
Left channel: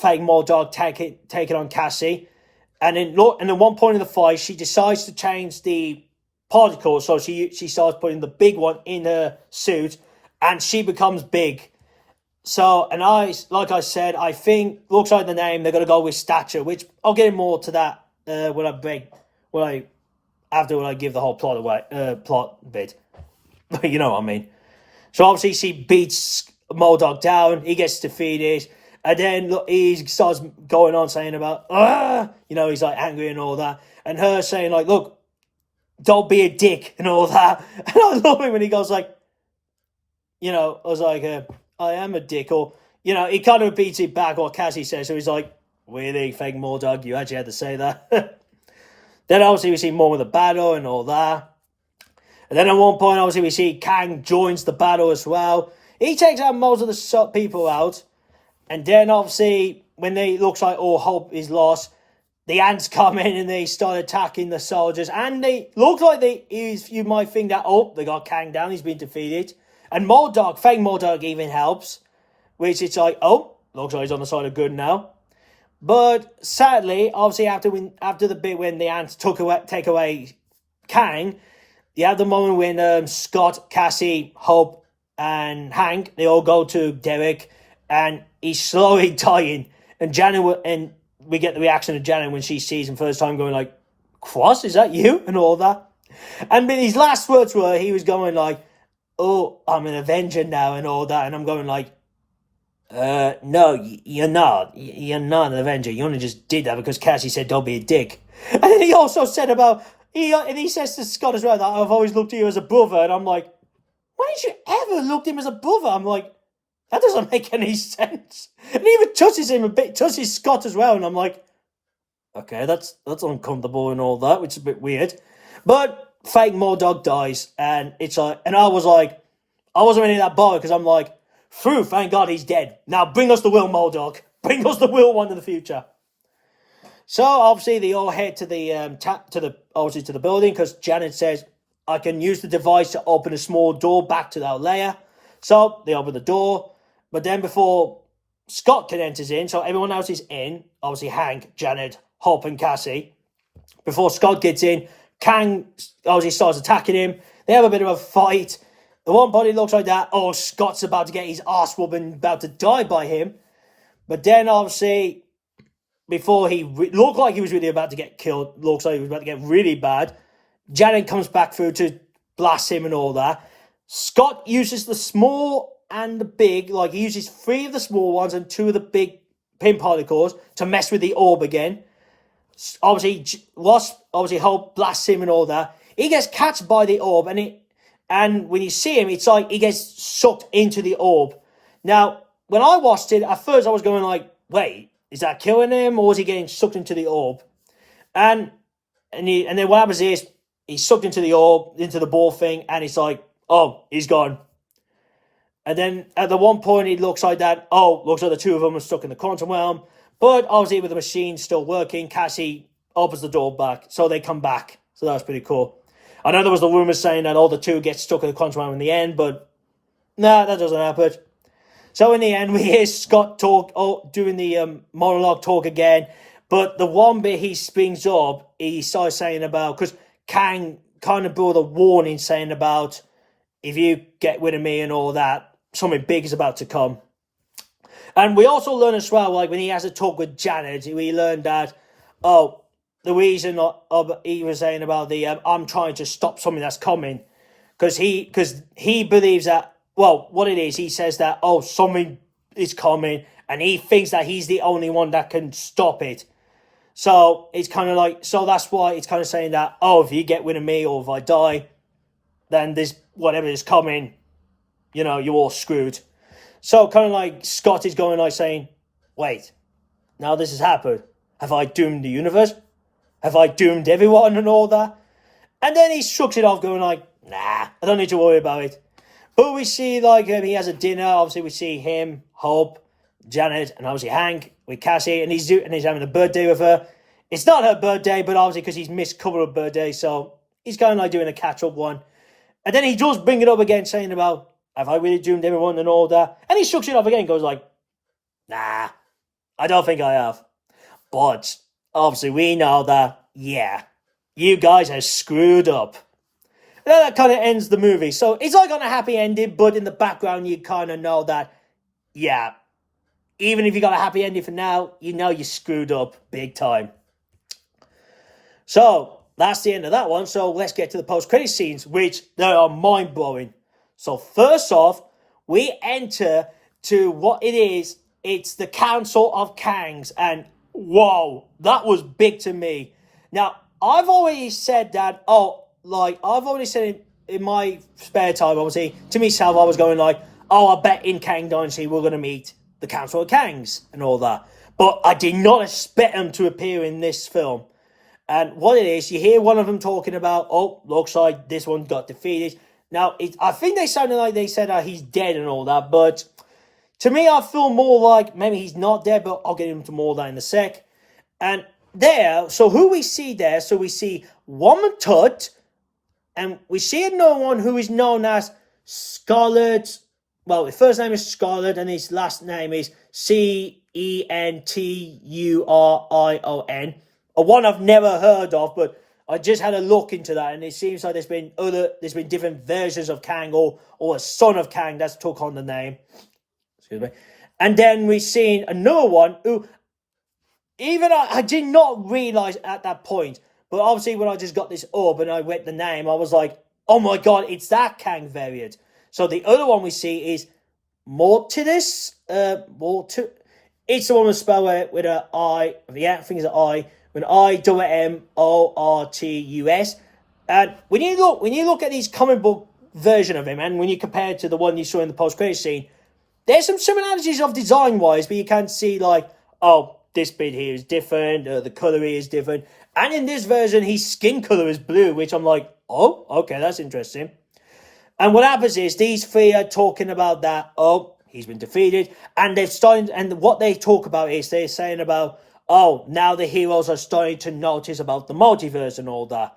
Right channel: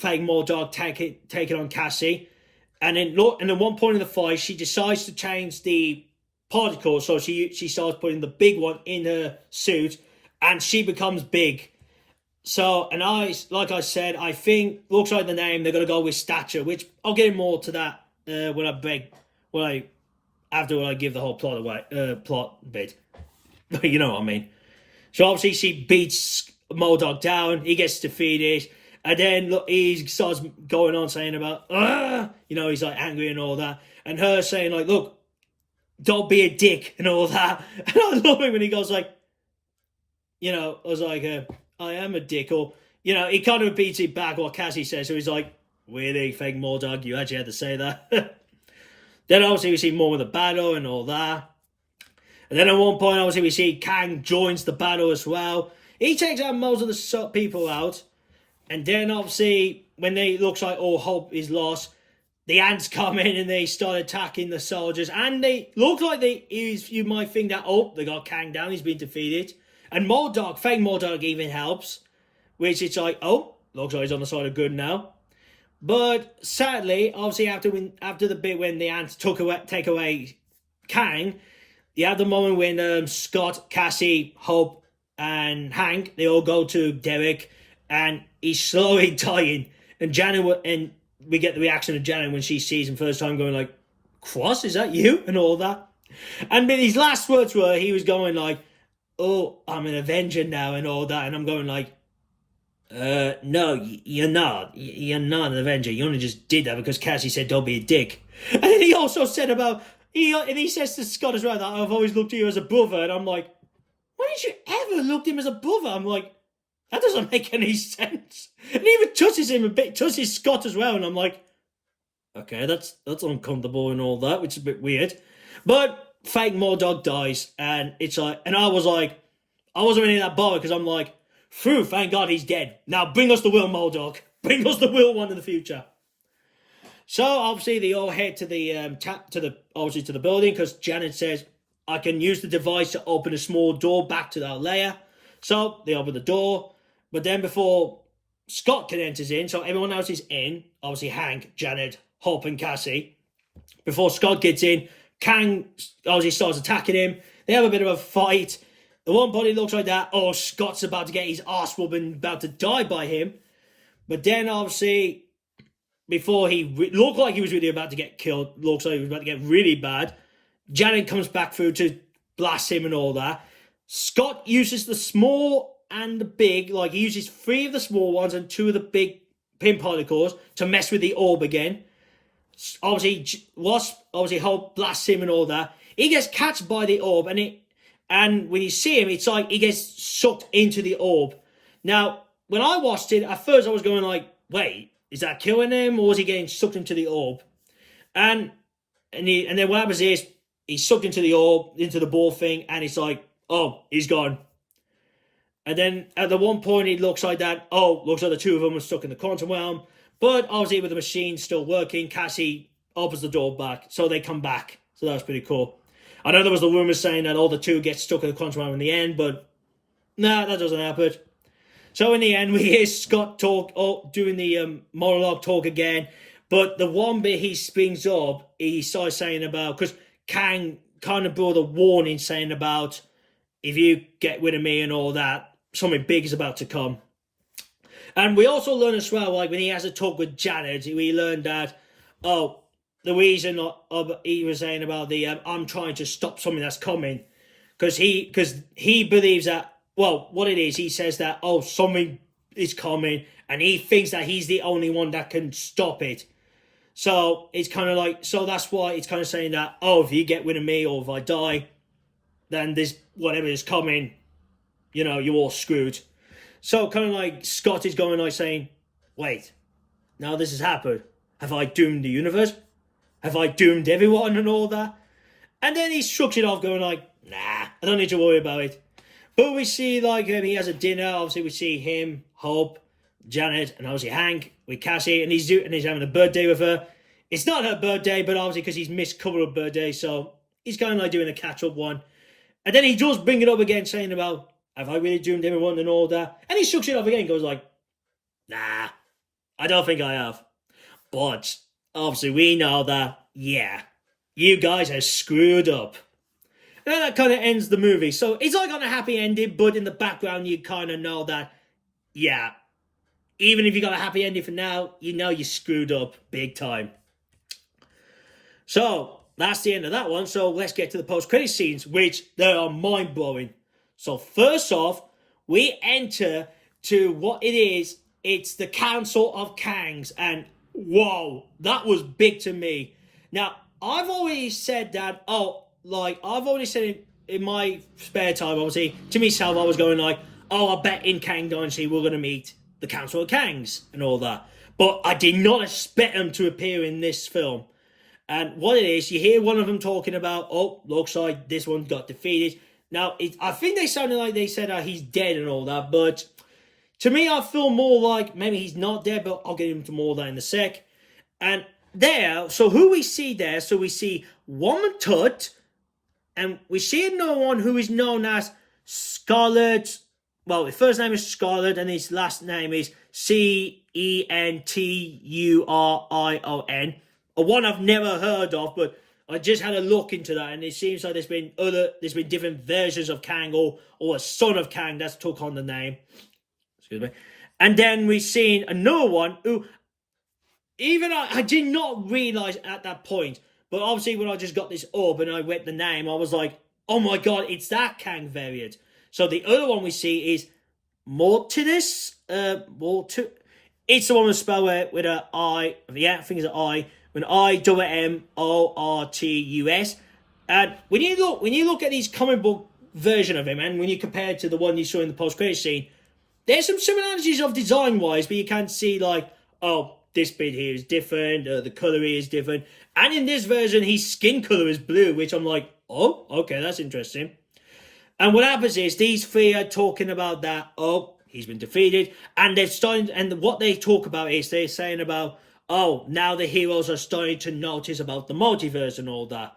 fake M.O.D.O.K taking on Cassie. And then at one point in the fight, she decides to change the particle. So she starts putting the big one in her suit. And she becomes big. So, and like I said, I think, looks like the name, they're going to go with Stature. Which, I'll get more to that after I give the whole plot bit. You know what I mean. So obviously she beats M.O.D.O.K down, he gets defeated, and then he starts going on saying about, he's like angry and all that, and her saying like, look, don't be a dick and all that. And I love it when he goes like, I was like, I am a dick, or, he kind of repeats it back what Cassie says, so he's like, really, fake M.O.D.O.K, you actually had to say that? Then obviously we see more of the battle and all that. And then at one point, obviously, we see Kang joins the battle as well. He takes out most of the people out. And then, obviously, when they looks like all hope is lost, the ants come in and they start attacking the soldiers. And they look like you might think that, they got Kang down, he's been defeated. And M.O.D.O.K, fake M.O.D.O.K even helps. Which it's like, looks like he's on the side of good now. But sadly, obviously, after the bit when the ants take away Kang, you have the moment when Scott, Cassie, Hope, and Hank, they all go to Derek, and he's slowly dying. And we get the reaction of Janet when she sees him first time, going like, Quaz, is that you? And all that. And his last words were, he was going like, oh, I'm an Avenger now, and all that. And I'm going like, no, you're not. You're not an Avenger. You only just did that because Cassie said don't be a dick. And then he also said about, he says to Scott as well that I've always looked at you as a brother, and I'm like, why did you ever look at him as a brother? I'm like, That doesn't make any sense. And he even touches him a bit, touches Scott as well, and I'm like, okay, that's uncomfortable and all that, which is a bit weird. But fake M.O.D.O.K dies, and it's like, and I was like, I wasn't really that bothered because I'm like, phew, thank God he's dead. Now bring us the real M.O.D.O.K. Bring us the real one in the future. So obviously they all head to the to the building because Janet says, I can use the device to open a small door back to that layer. So they open the door, but then before Scott can enter in, so everyone else is in, obviously Hank, Janet, Hope, and Cassie. Before Scott gets in, Kang obviously starts attacking him. They have a bit of a fight. The one body looks like that. Oh, Scott's about to get his ass whooping, about to die by him. But then obviously, before he looked like he was really about to get killed, looks like he was about to get really bad, Janet comes back through to blast him and all that. Scott uses the small and the big, like he uses 3 of the small ones and 2 of the big pin particles to mess with the orb again. Obviously, Wasp obviously Hope blasts him and all that. He gets catched by the orb, and when you see him, it's like he gets sucked into the orb. Now, when I watched it, at first I was going like, wait, is that killing him, or is he getting sucked into the orb? And then what happens is, he's sucked into the orb, into the ball thing, and it's like, oh, he's gone. And then at the one point, it looks like that, oh, looks like the 2 of them are stuck in the quantum realm. But obviously, with the machine still working, Cassie opens the door back, so they come back. So that's pretty cool. I know there was the rumors saying that all the 2 get stuck in the quantum realm in the end, but nah, that doesn't happen. So in the end, we hear Scott doing the monologue talk again. But the one bit he springs up, he starts saying about, because Kang kind of brought a warning saying about, if you get rid of me and all that, something big is about to come. And we also learn as well, like when he has a talk with Janet, we learned that, oh, the reason he was saying about the, I'm trying to stop something that's coming. Because he believes that, well, what it is, he says that, oh, something is coming, and he thinks that he's the only one that can stop it. So it's kind of like, so that's why it's kind of saying that, oh, if you get rid of me or if I die, then this, whatever is coming, you're all screwed. So kind of like Scott is going like saying, wait, now this has happened. Have I doomed the universe? Have I doomed everyone and all that? And then he shrugs it off going like, nah, I don't need to worry about it. But we see like he has a dinner. Obviously we see him, Hope, Janet, and obviously Hank with Cassie, and he's having a birthday with her. It's not her birthday, but obviously because he's missed a couple of birthdays, so he's kind of like doing a catch-up one. And then he does bring it up again, saying about, have I really doomed everyone and all that? And he shucks it off again, goes like, nah, I don't think I have. But obviously we know that, yeah, you guys are screwed up. And then that kind of ends the movie. So it's like on a happy ending, but in the background you kind of know that, yeah, even if you got a happy ending for now, you know you screwed up big time. So that's the end of that one. So let's get to the post-credit scenes, which they are mind-blowing. So first off, we enter to what it is. It's the Council of Kangs. And whoa, that was big to me. Now, I've already said that, I've already said it in my spare time, obviously, to myself, I was going like, I bet in Kang Dynasty we're going to meet the Council of Kangs and all that. But I did not expect them to appear in this film. And what it is, you hear one of them talking about, looks like this one got defeated. Now, I think they sounded like they said he's dead and all that, but to me, I feel more like maybe he's not dead, but I'll get into more of that in a sec. And there, so who we see there, so we see Rama-Tut, and we see another one who is known as Scarlet. Well, his first name is Scarlet, and his last name is Centurion. A one I've never heard of, but I just had a look into that, and it seems like there's been different versions of Kang, or a son of Kang that's took on the name. Excuse me. And then we've seen another one who, even I did not realise at that point, but obviously when I just got this up and I read the name, I was like, oh my god, it's that Kang variant. So the other one we see is Immortus. It's the one with spelled with an I. Yeah, I think it's an I. With an Immortus. And when you look at these comic book version of him, and when you compare it to the one you saw in the post-credit scene, there's some similarities of design-wise, but you can see, like, oh, this bit here is different, the colour here is different. And in this version, his skin colour is blue, which I'm like, oh, okay, that's interesting. And what happens is these three are talking about that, oh, he's been defeated. And they're starting, and what they talk about is they're saying about, oh, now the heroes are starting to notice about the multiverse and all that.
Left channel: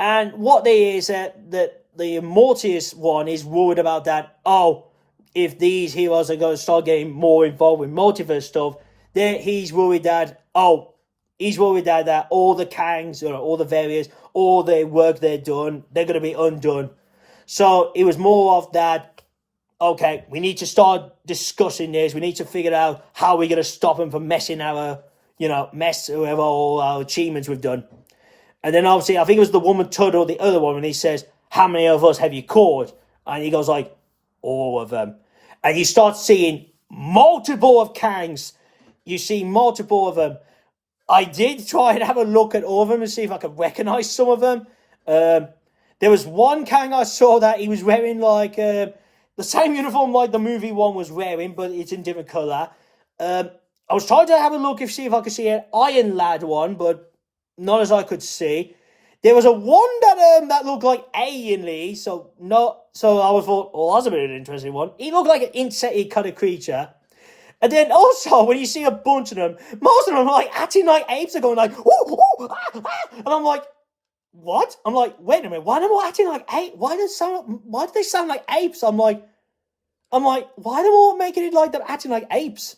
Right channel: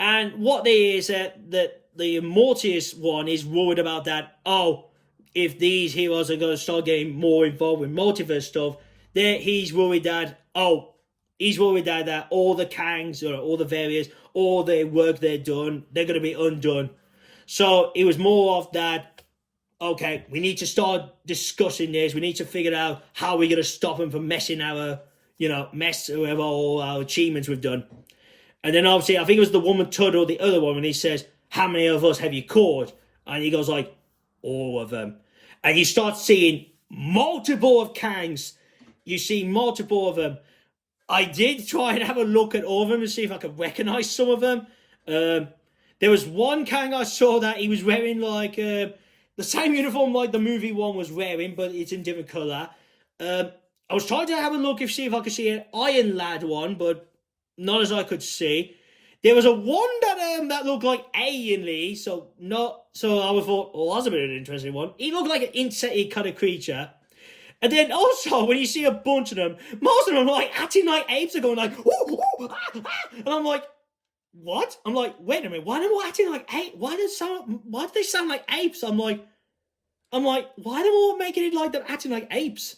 And what they is that the Immortus one is worried about that, oh, if these heroes are going to start getting more involved with multiverse stuff, then he's worried that, all the Kangs, or all the various, all the work they're done, they're going to be undone. So it was more of that, okay, we need to start discussing this. We need to figure out how we're going to stop them from messing our, whoever all our achievements we've done. And then obviously, I think it was the Woman-Tut or the other one, and he says, how many of us have you caught? And he goes like, all of them. And you start seeing multiple of Kangs. You see multiple of them. I did try and have a look at all of them and see if I could recognize some of them. There was one Kang I saw that he was wearing like the same uniform like the movie one was wearing, but it's in different colour. I was trying to have a look see if I could see an Iron Lad one, but not as I could see. There was a one that looked like alienly, so I thought, oh, that's a bit of an interesting one. He looked like an insecty kind of creature. And then also, when you see a bunch of them, most of them are like acting like apes are going like, ooh, ooh, ah, ah. And I'm like, what? I'm like, wait a minute, why are they all acting like apes? Why do they sound like apes? I'm like, why are they all making it like they're acting like apes?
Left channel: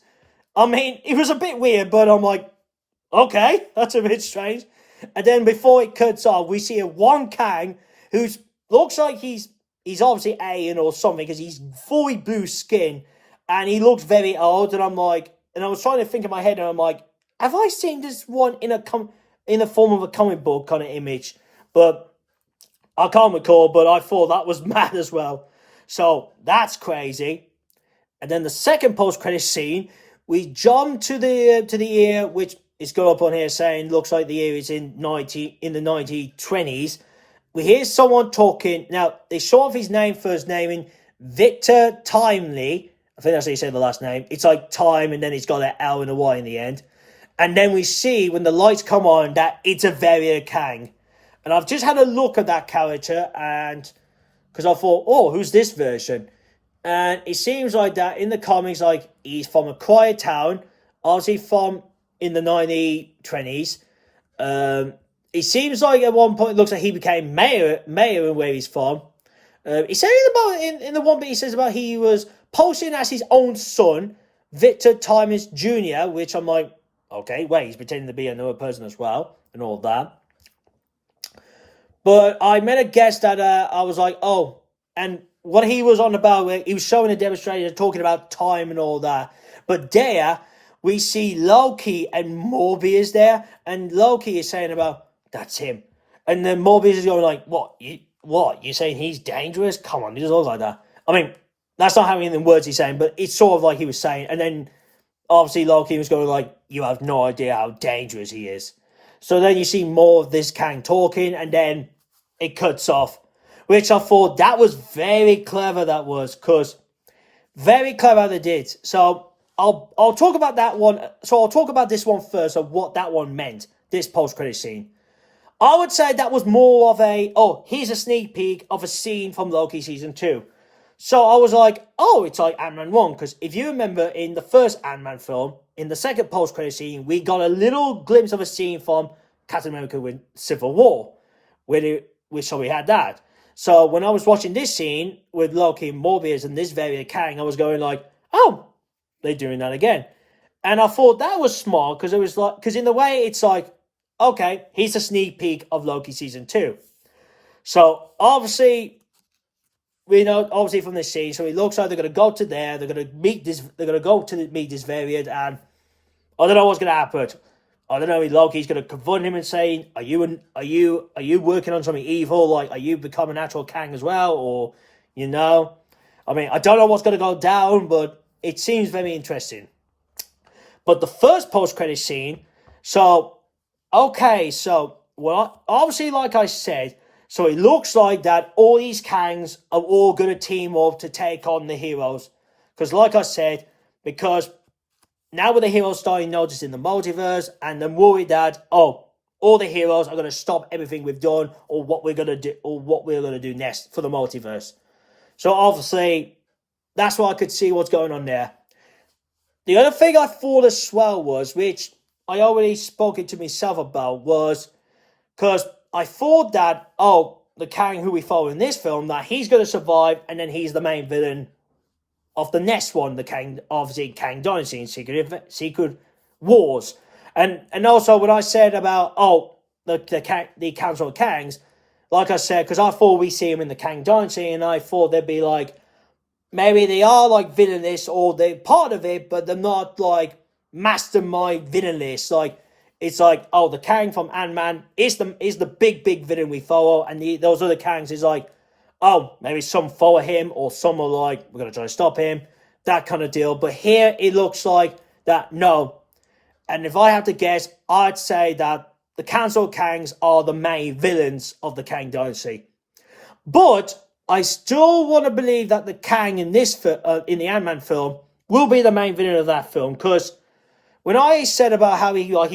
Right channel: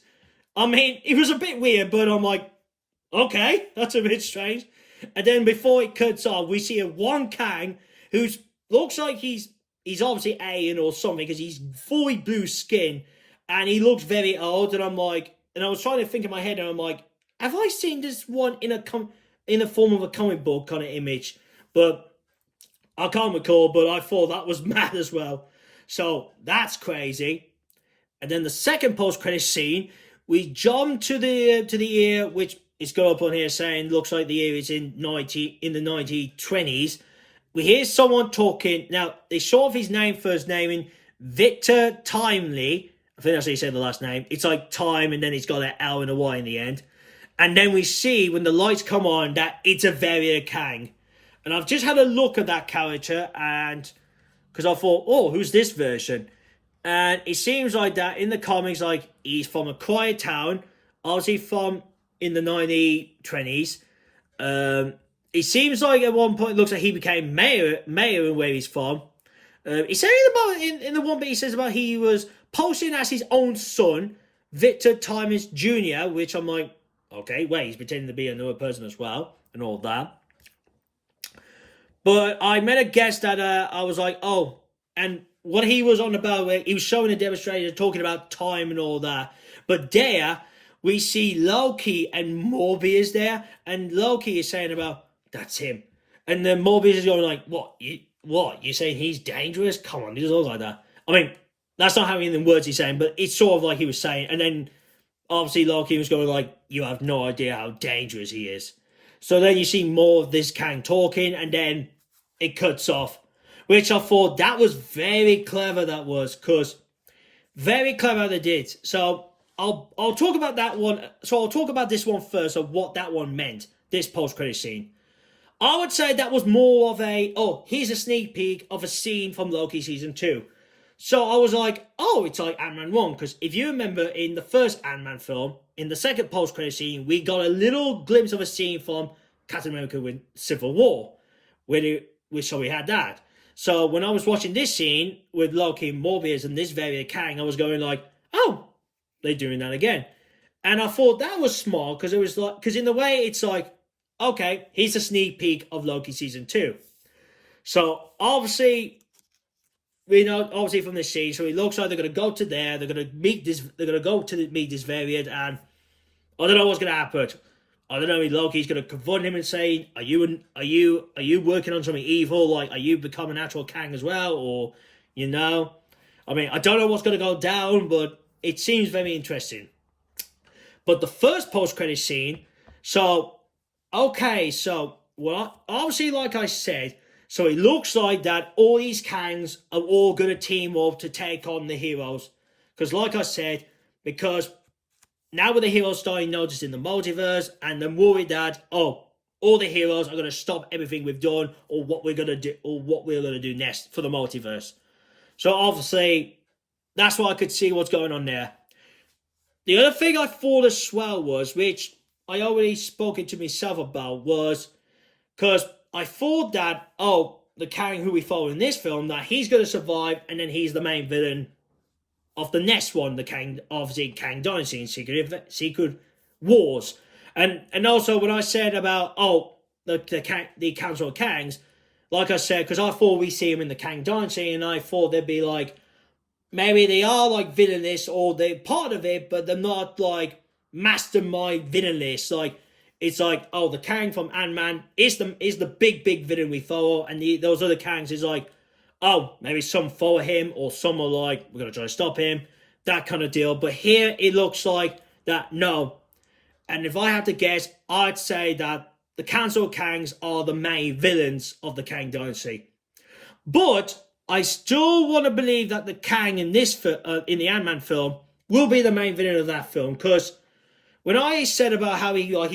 I mean, it was a bit weird, but I'm like, okay, that's a bit strange. And then before it cuts off, we see a one Kang who looks like he's obviously alien or something because he's fully blue skin and he looks very old. And I'm like, and I was trying to think in my head, and I'm like, have I seen this one in the form of a comic book kind of image? But I can't recall. But I thought that was mad as well. So that's crazy. And then the second post-credit scene, we jump to the year which. It's got up on here saying looks like the year is in the 1920s. We hear someone talking. Now, they show off his first name in Victor Timely. I think that's how you say the last name. It's like time, and then it's got an L and a Y in the end. And then we see, when the lights come on, that it's a variant Kang. And I've just had a look at that character, and because I thought, oh, who's this version? And it seems like that in the comics, like, he's from a quiet town, obviously from in the 1920s. It seems like at one point it looks like he became mayor of where he's from. He said in the one bit he says about he was posting as his own son, Victor Timus Jr., which I'm like, okay, wait, he's pretending to be another person as well, and all that. But I made a guess that I was like, oh, and what he was on about, he was showing a demonstration, talking about time and all that. But there, we see Loki and Mobius there, and Loki is saying about, that's him. And then Mobius is going like, what? You saying he's dangerous? Come on, he doesn't look like that. I mean, that's not how many words he's saying, but it's sort of like he was saying. And then, obviously, Loki was going like, you have no idea how dangerous he is. So then you see more of this Kang talking, and then it cuts off. Which I thought that was very clever, that was, because very clever how they did. So I'll talk about that one. So I'll talk about this one first of what that one meant, this post-credit scene. I would say that was more of here's a sneak peek of a scene from Loki Season 2. So I was like, oh, it's like Ant-Man 1. Because if you remember in the first Ant-Man film, in the second post-credit scene, we got a little glimpse of a scene from Captain America with Civil War. So we had that. So when I was watching this scene with Loki and Mobius and this variant Kang, I was going like, oh, they're doing that again. And I thought that was smart because it was like, because in the way it's like, okay, here's a sneak peek of Loki Season 2. So obviously, we know obviously from this scene, so it looks like they're going to go to there, they're going to meet this variant, and I don't know what's going to happen. I don't know if Loki's going to confront him and say, are you working on something evil? Like, are you becoming an actual Kang as well? Or, I mean, I don't know what's going to go down, but it seems very interesting. But the first post-credit scene, obviously, like I said, so it looks like that all these Kangs are all going to team up to take on the heroes. Because like I said, because now with the heroes starting noticing the multiverse, and they're worried that, oh, all the heroes are going to stop everything we've done, or what we're going to do, or what we're going to do next for the multiverse. So obviously, that's why I could see what's going on there. The other thing I thought as well was, which I already spoken to myself about, was because I thought that, oh, the Kang who we follow in this film, that he's going to survive, and then he's the main villain of the next one, the Kang, obviously Kang Dynasty and Secret Wars. And also when I said about, oh, the Council of Kangs, like I said, because I thought we see him in the Kang Dynasty, and I thought they'd be like, maybe they are like villainous, or they're part of it, but they're not like mastermind villainous. Like, it's like, oh, the Kang from Ant-Man is the big villain we follow, and those other Kangs is like, oh, maybe some follow him, or some are like, we're going to try to stop him, that kind of deal. But here, it looks like that, no. And if I had to guess, I'd say that the Council of Kangs are the main villains of the Kang Dynasty. But I still want to believe that the Kang in this in the Ant-Man film will be the main villain of that film, because when I said about how he looked like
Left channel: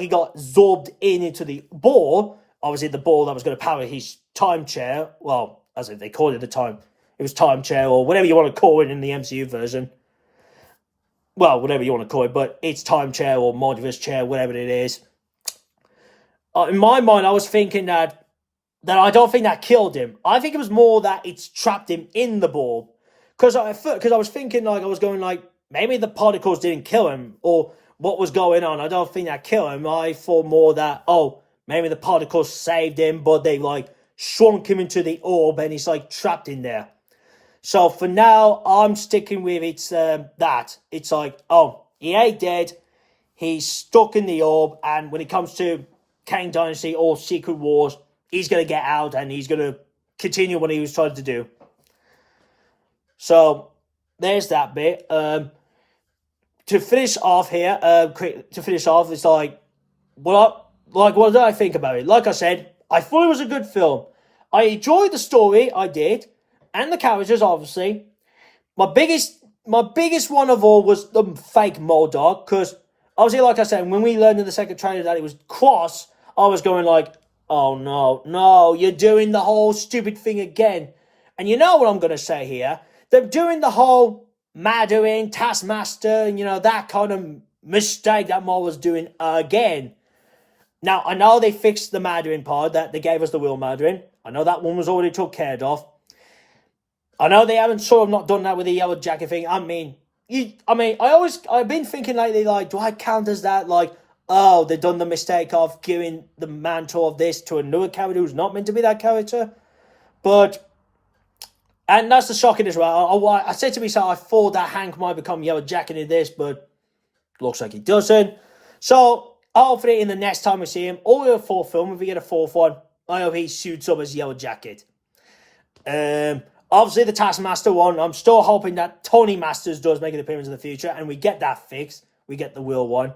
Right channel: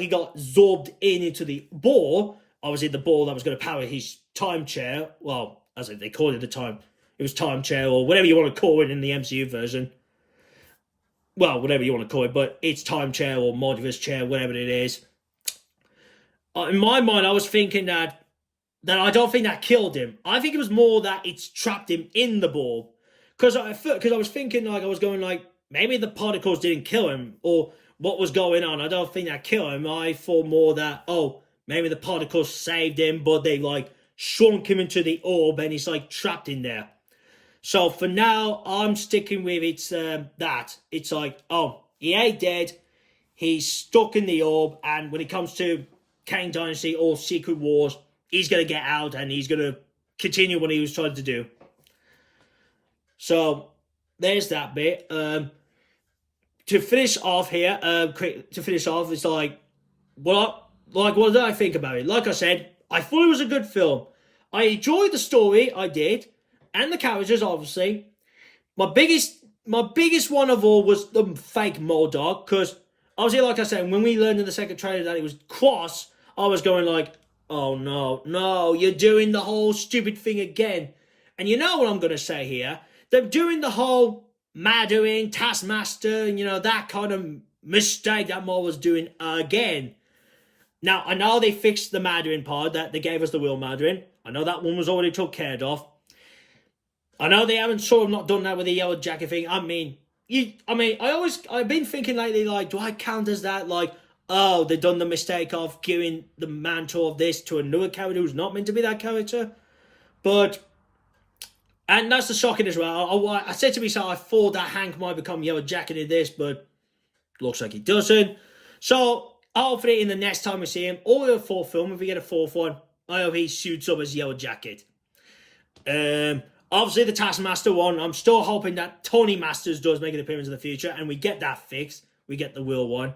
he got absorbed into the ball, obviously the ball that was going to power his time chair, well, as if they called it it was time chair, or whatever you want to call it in the MCU version. Well, whatever you want to call it, but it's time chair or multiverse chair, whatever it is. In my mind, I was thinking that I don't think that killed him. I think it was more that it's trapped him in the ball. Because I was thinking, like, I was going like, maybe the particles didn't kill him, or what was going on. I don't think that killed him. I thought more that, oh, maybe the particles saved him, but they like shrunk him into the orb, and he's like trapped in there. So for now, I'm sticking with that. It's like, oh, he ain't dead. He's stuck in the orb, and when it comes to Kang Dynasty or Secret Wars, he's going to get out, and he's going to continue what he was trying to do. So there's that bit. To finish off here, it's like, what did I think about it? Like I said, I thought it was a good film. I enjoyed the story, I did, and the characters, obviously. My biggest one of all was the fake M.O.D.O.K, because obviously, like I said, when we learned in the second trailer that it was Quaz, I was going like, oh no, you're doing the whole stupid thing again. And you know what I'm going to say here? They're doing the whole Mandarin, Taskmaster, that kind of mistake that Marvel was doing again. Now, I know they fixed the Mandarin part, that they gave us the real Mandarin. I know that one was already took care of. I know they haven't sort of not done that with the Yellowjacket thing. I've been thinking lately, like, do I count as that, like, oh, they've done the mistake of giving the mantle of this to another character who's not meant to be that character? And that's the shocking as well. I said to myself, I thought that Hank might become Yellowjacket in this, but looks like he doesn't. So, hopefully in the next time we see him, or in a fourth film, if we get a fourth one, I hope he suits up as Yellowjacket. Obviously the Taskmaster one, I'm still hoping that Tony Masters does make an appearance in the future, and we get that fixed. We get the real one.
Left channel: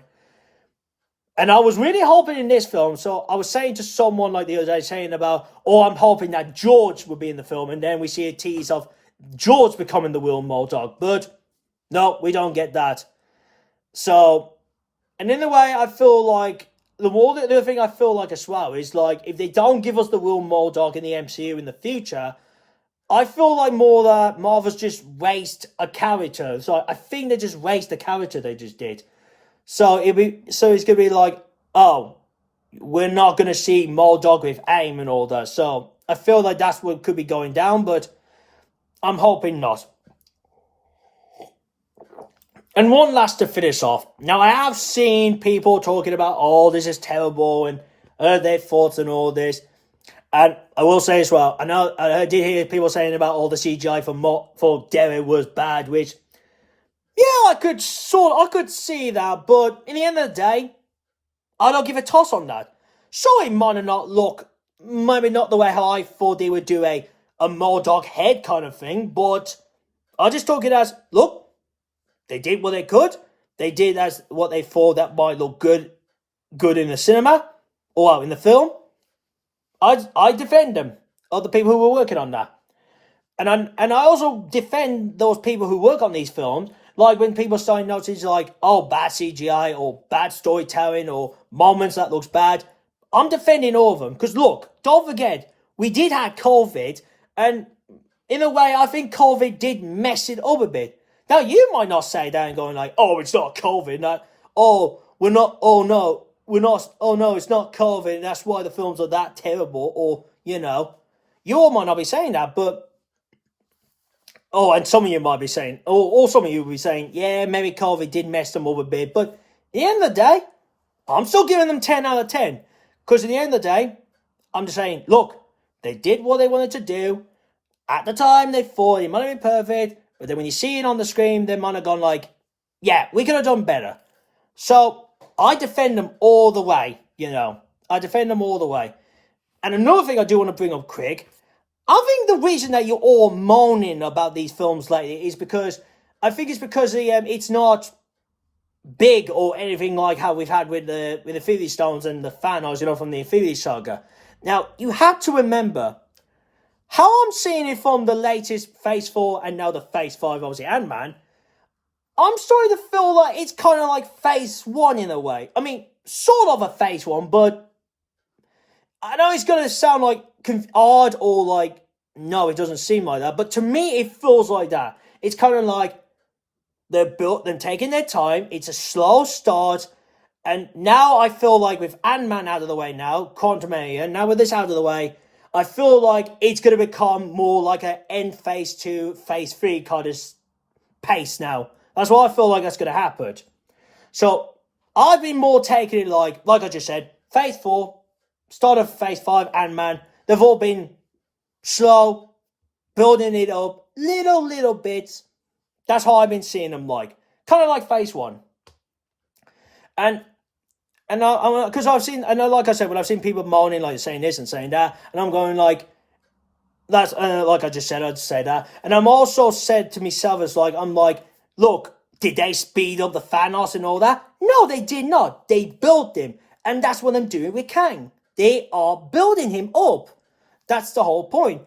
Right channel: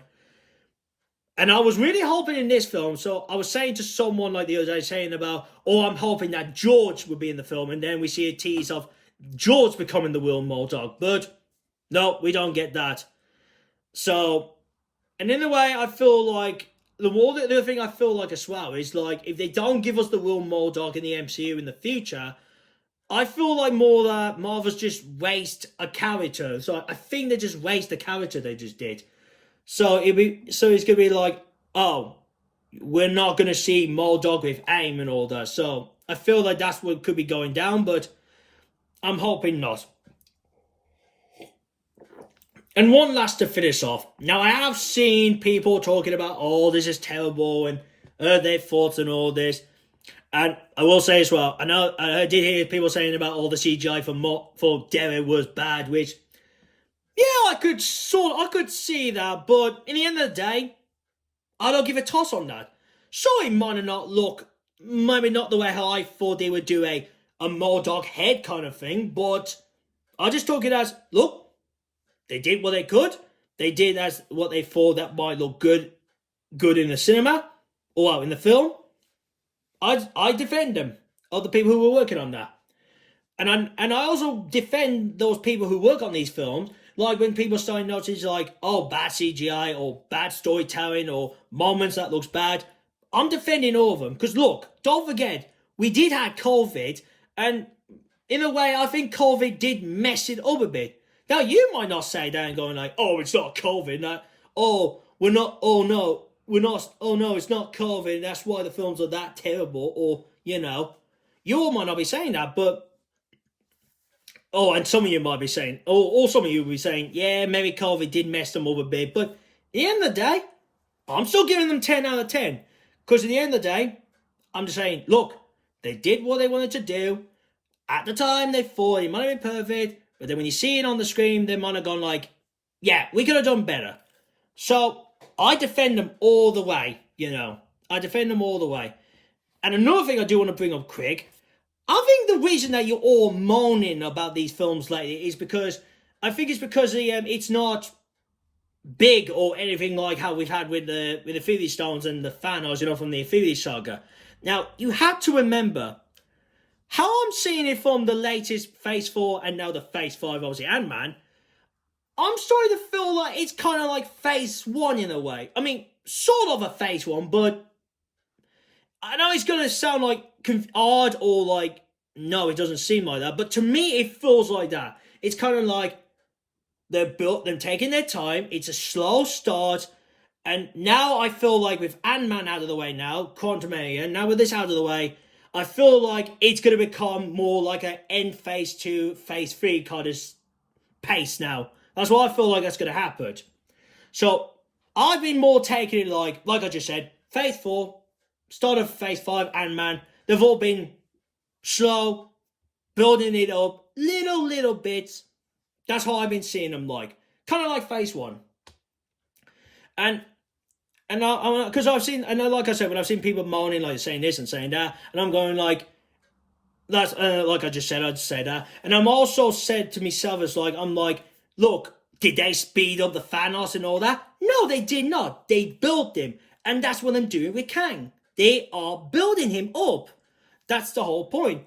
And I was really hoping in this film, so I was saying to someone like the other day, saying about, I'm hoping that George would be in the film, and then we see a tease of George becoming the real M.O.D.O.K, but no, we don't get that. So, and in a way, I feel like, the other thing I feel like as well is, like, if they don't give us the real M.O.D.O.K in the MCU in the future, I feel like more that Marvel's just waste a character. So I think they just waste the character they just did. So it's going to be like, oh, we're not going to see M.O.D.O.K with AIM and all that. So I feel like that's what could be going down, but I'm hoping not. And one last to finish off. Now, I have seen people talking about, oh, this is terrible, and their thoughts and all this. And I will say as well, I did hear people saying about all the CGI for Darren was bad, which, yeah, I could see that, but in the end of the day, I don't give a toss on that. Sure, it might not look, maybe not the way how I thought they would do a M.O.D.O.K head kind of thing, but I just took it as, look, they did what they could. They did as what they thought that might look good in the cinema or in the film. I defend them, or the people who were working on that. And I also defend those people who work on these films. Like when people start noticing like, oh, bad CGI or bad storytelling or moments that looks bad. I'm defending all of them. Because look, don't forget, we did have COVID. And in a way, I think COVID did mess it up a bit. Now, you might not say that and going like, oh, it's not COVID. Like, oh, we're not, oh no, we're not, oh no, it's not COVID. And that's why the films are that terrible. Or, you know, you all might not be saying that, but oh, and some of you might be saying, or some of you will be saying, yeah, maybe COVID did mess them up a bit. But at the end of the day, I'm still giving them 10 out of 10. Because at the end of the day, I'm just saying, look, they did what they wanted to do. At the time, they thought it might have been perfect. But then when you see it on the screen, they might have gone like, yeah, we could have done better. So I defend them all the way, you know. I defend them all the way. And another thing I do want to bring up quick, I think the reason that you're all moaning about these films lately is because I think it's because it's not big or anything like how we've had with the Infinity Stones and the Thanos, you know, from the Infinity Saga. Now, you have to remember how I'm seeing it from the latest Phase 4 and now the Phase 5, obviously, Ant-Man. I'm starting to feel like it's kind of like Phase 1 in a way. I mean, sort of a Phase 1, but I know it's going to sound like odd or like, no, it doesn't seem like that. But to me, it feels like that. It's kind of like they're taking their time. It's a slow start. And now I feel like with Ant-Man out of the way now, Quantumania, now with this out of the way, I feel like it's going to become more like an end Phase 2, Phase 3 kind of pace now. That's what I feel like that's going to happen. So I've been more taking it like I just said, Phase 4, start of Phase 5, Ant-Man, they've all been slow, building it up, little bits. That's how I've been seeing them like. Kind of like Phase 1. And because I've seen, and like I said, when I've seen people moaning, like saying this and saying that, and I'm going like, that's, like I just said, I'd say that. And I'm also said to myself as like, I'm like, look, did they speed up the Thanos and all that? No, they did not. They built him. And that's what I'm doing with Kang. They are building him up. That's the whole point.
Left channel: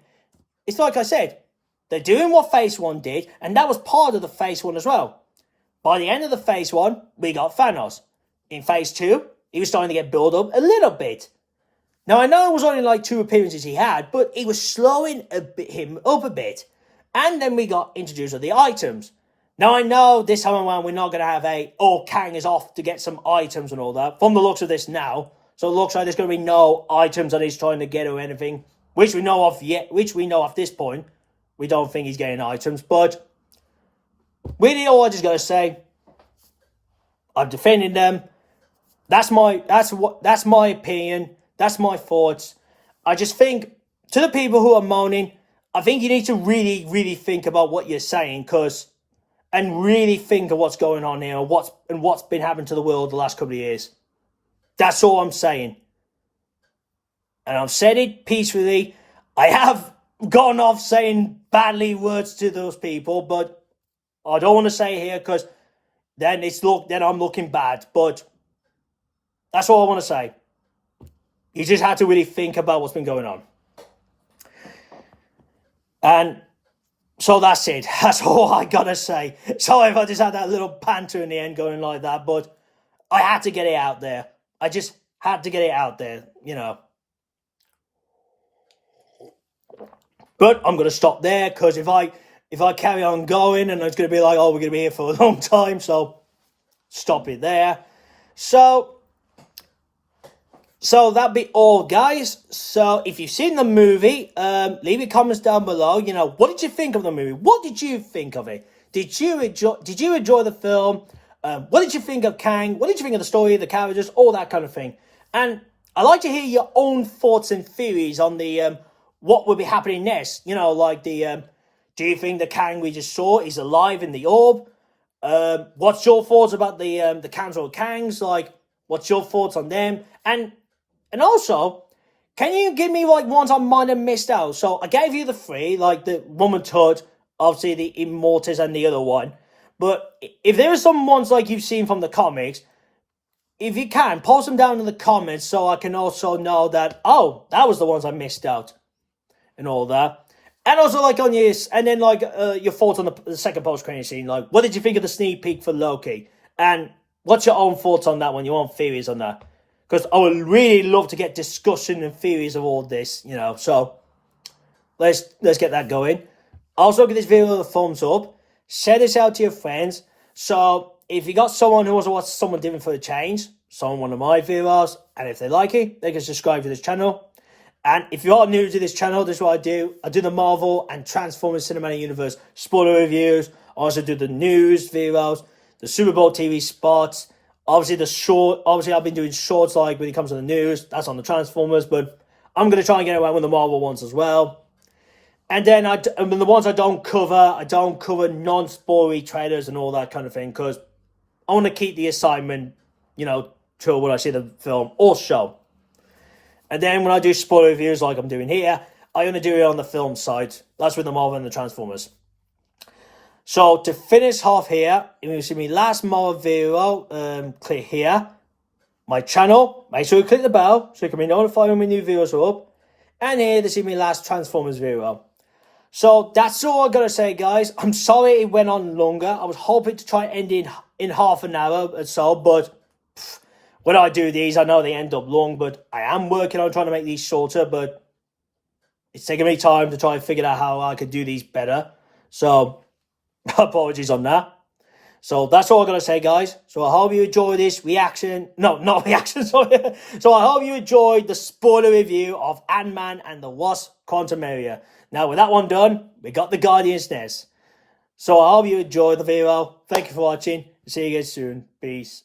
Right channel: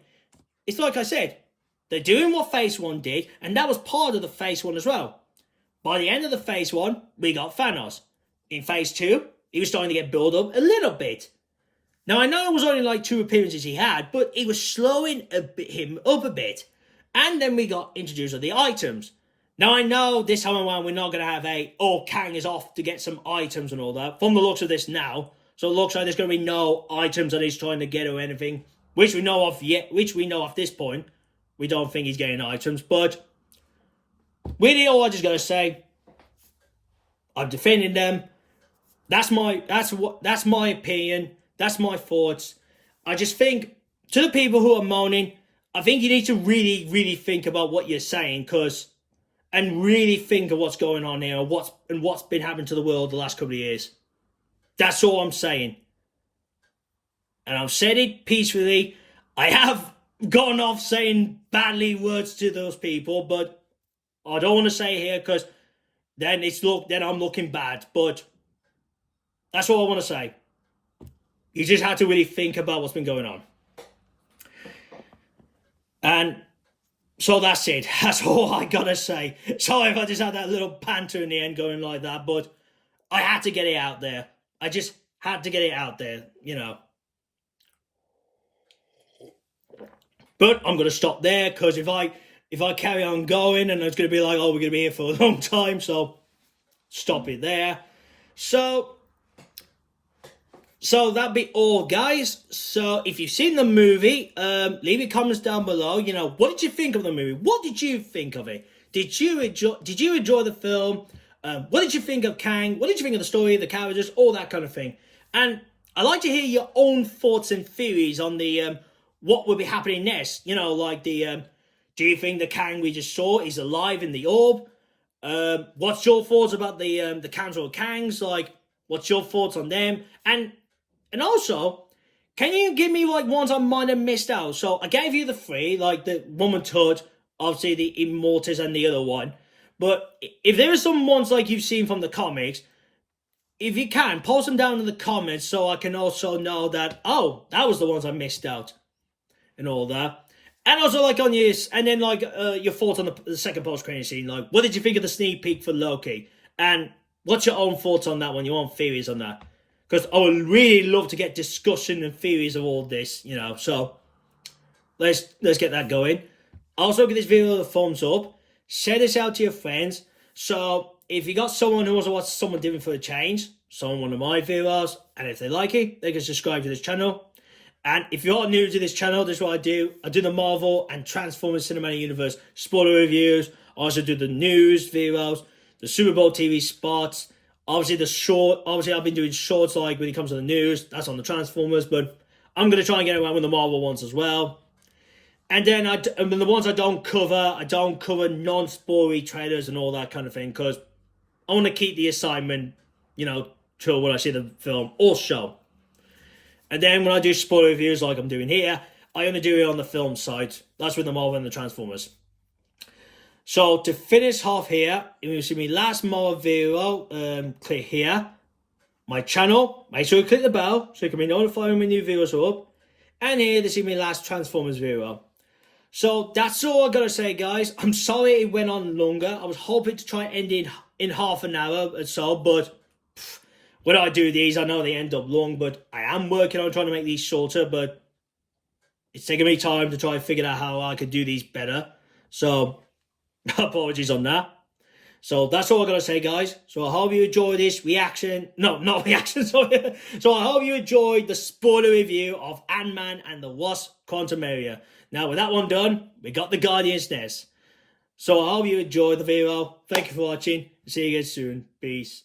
It's like I said, they're doing what Phase 1 did, and that was part of the Phase 1 as well. By the end of the Phase 1, we got Thanos. In Phase 2, he was starting to get built up a little bit. Now, I know it was only like 2 appearances he had, but he was slowing him up a bit. And then we got introduced to the items. Now, I know this time around we're not going to have Kang is off to get some items and all that. From the looks of this now. So it looks like there's going to be no items that he's trying to get or anything. Which we know of at this point. We don't think he's getting items. But really all I just got to say, I'm defending them. That's my opinion. That's my thoughts. I just think, to the people who are moaning, I think you need to really, really think about what you're saying, and really think of what's going on here, and what's been happening to the world the last couple of years. That's all I'm saying. And I've said it peacefully. I have gone off saying badly words to those people, but I don't want to say it here because then I'm looking bad. But that's all I want to say. You just have to really think about what's been going on. And so that's it. That's all I gotta say. Sorry if I just had that little banter in the end going like that, but I had to get it out there. I just had to get it out there, you know. But I'm gonna stop there because if I carry on going and it's gonna be like, oh, we're gonna be here for a long time, so stop it there. So that'd be all, guys. So if you've seen the movie, leave your comments down below. You know, what did you think of the movie? What did you think of it? Did you enjoy the film? What did you think of Kang? What did you think of the story, the characters, all that kind of thing? And I'd like to hear your own thoughts and theories on the what will be happening next. You know, like do you think the Kang we just saw is alive in the orb? What's your thoughts about the Council of Kangs? Like, what's your thoughts on them? And also, can you give me like ones I might have missed out? So I gave you the 3, like the Rama-Tut, obviously the Immortus and the other one. But if there are some ones like you've seen from the comics, if you can, post them down in the comments so I can also know that, oh, that was the ones I missed out and all that. And also, like, on your, and then, like, your thoughts on the second post-credit scene. Like, what did you think of the sneak peek for Loki? And what's your own thoughts on that one? Your own theories on that? Because I would really love to get discussion and theories of all this, you know. So, let's get that going. Also, give this video a thumbs up. Share this out to your friends. So, if you got someone who wants to watch someone different for a change, one of my videos, and if they like it, they can subscribe to this channel. And if you are new to this channel, this is what I do. I do the Marvel and Transformers Cinematic Universe spoiler reviews. I also do the news videos, the Super Bowl TV spots. Obviously, I've been doing shorts like when it comes to the news. That's on the Transformers, but I'm going to try and get around with the Marvel ones as well. And then the ones I don't cover non-spoilery trailers and all that kind of thing, because I want to keep the assignment, you know, till when I see the film or show. And then when I do spoiler reviews like I'm doing here, I only do it on the film side. That's with the Marvel and the Transformers. So to finish off here, if you see my last Marvel video, click here. My channel, make sure you click the bell so you can be notified when my new videos are up. And here to see my last Transformers video. So that's all I gotta say, guys. I'm sorry it went on longer. I was hoping to try and end in half an hour or so, but when I do these, I know they end up long, but I am working on trying to make these shorter, but it's taking me time to try and figure out how I could do these better. So, apologies on that. So, that's all I'm going to say, guys. So, I hope you enjoyed this reaction. No, not reaction, sorry. So, I hope you enjoyed the spoiler review of Ant-Man and the Wasp Quantumania. Now, with that one done, we got the Guardians next. So, I hope you enjoyed the video. Thank you for watching. See you guys soon. Peace.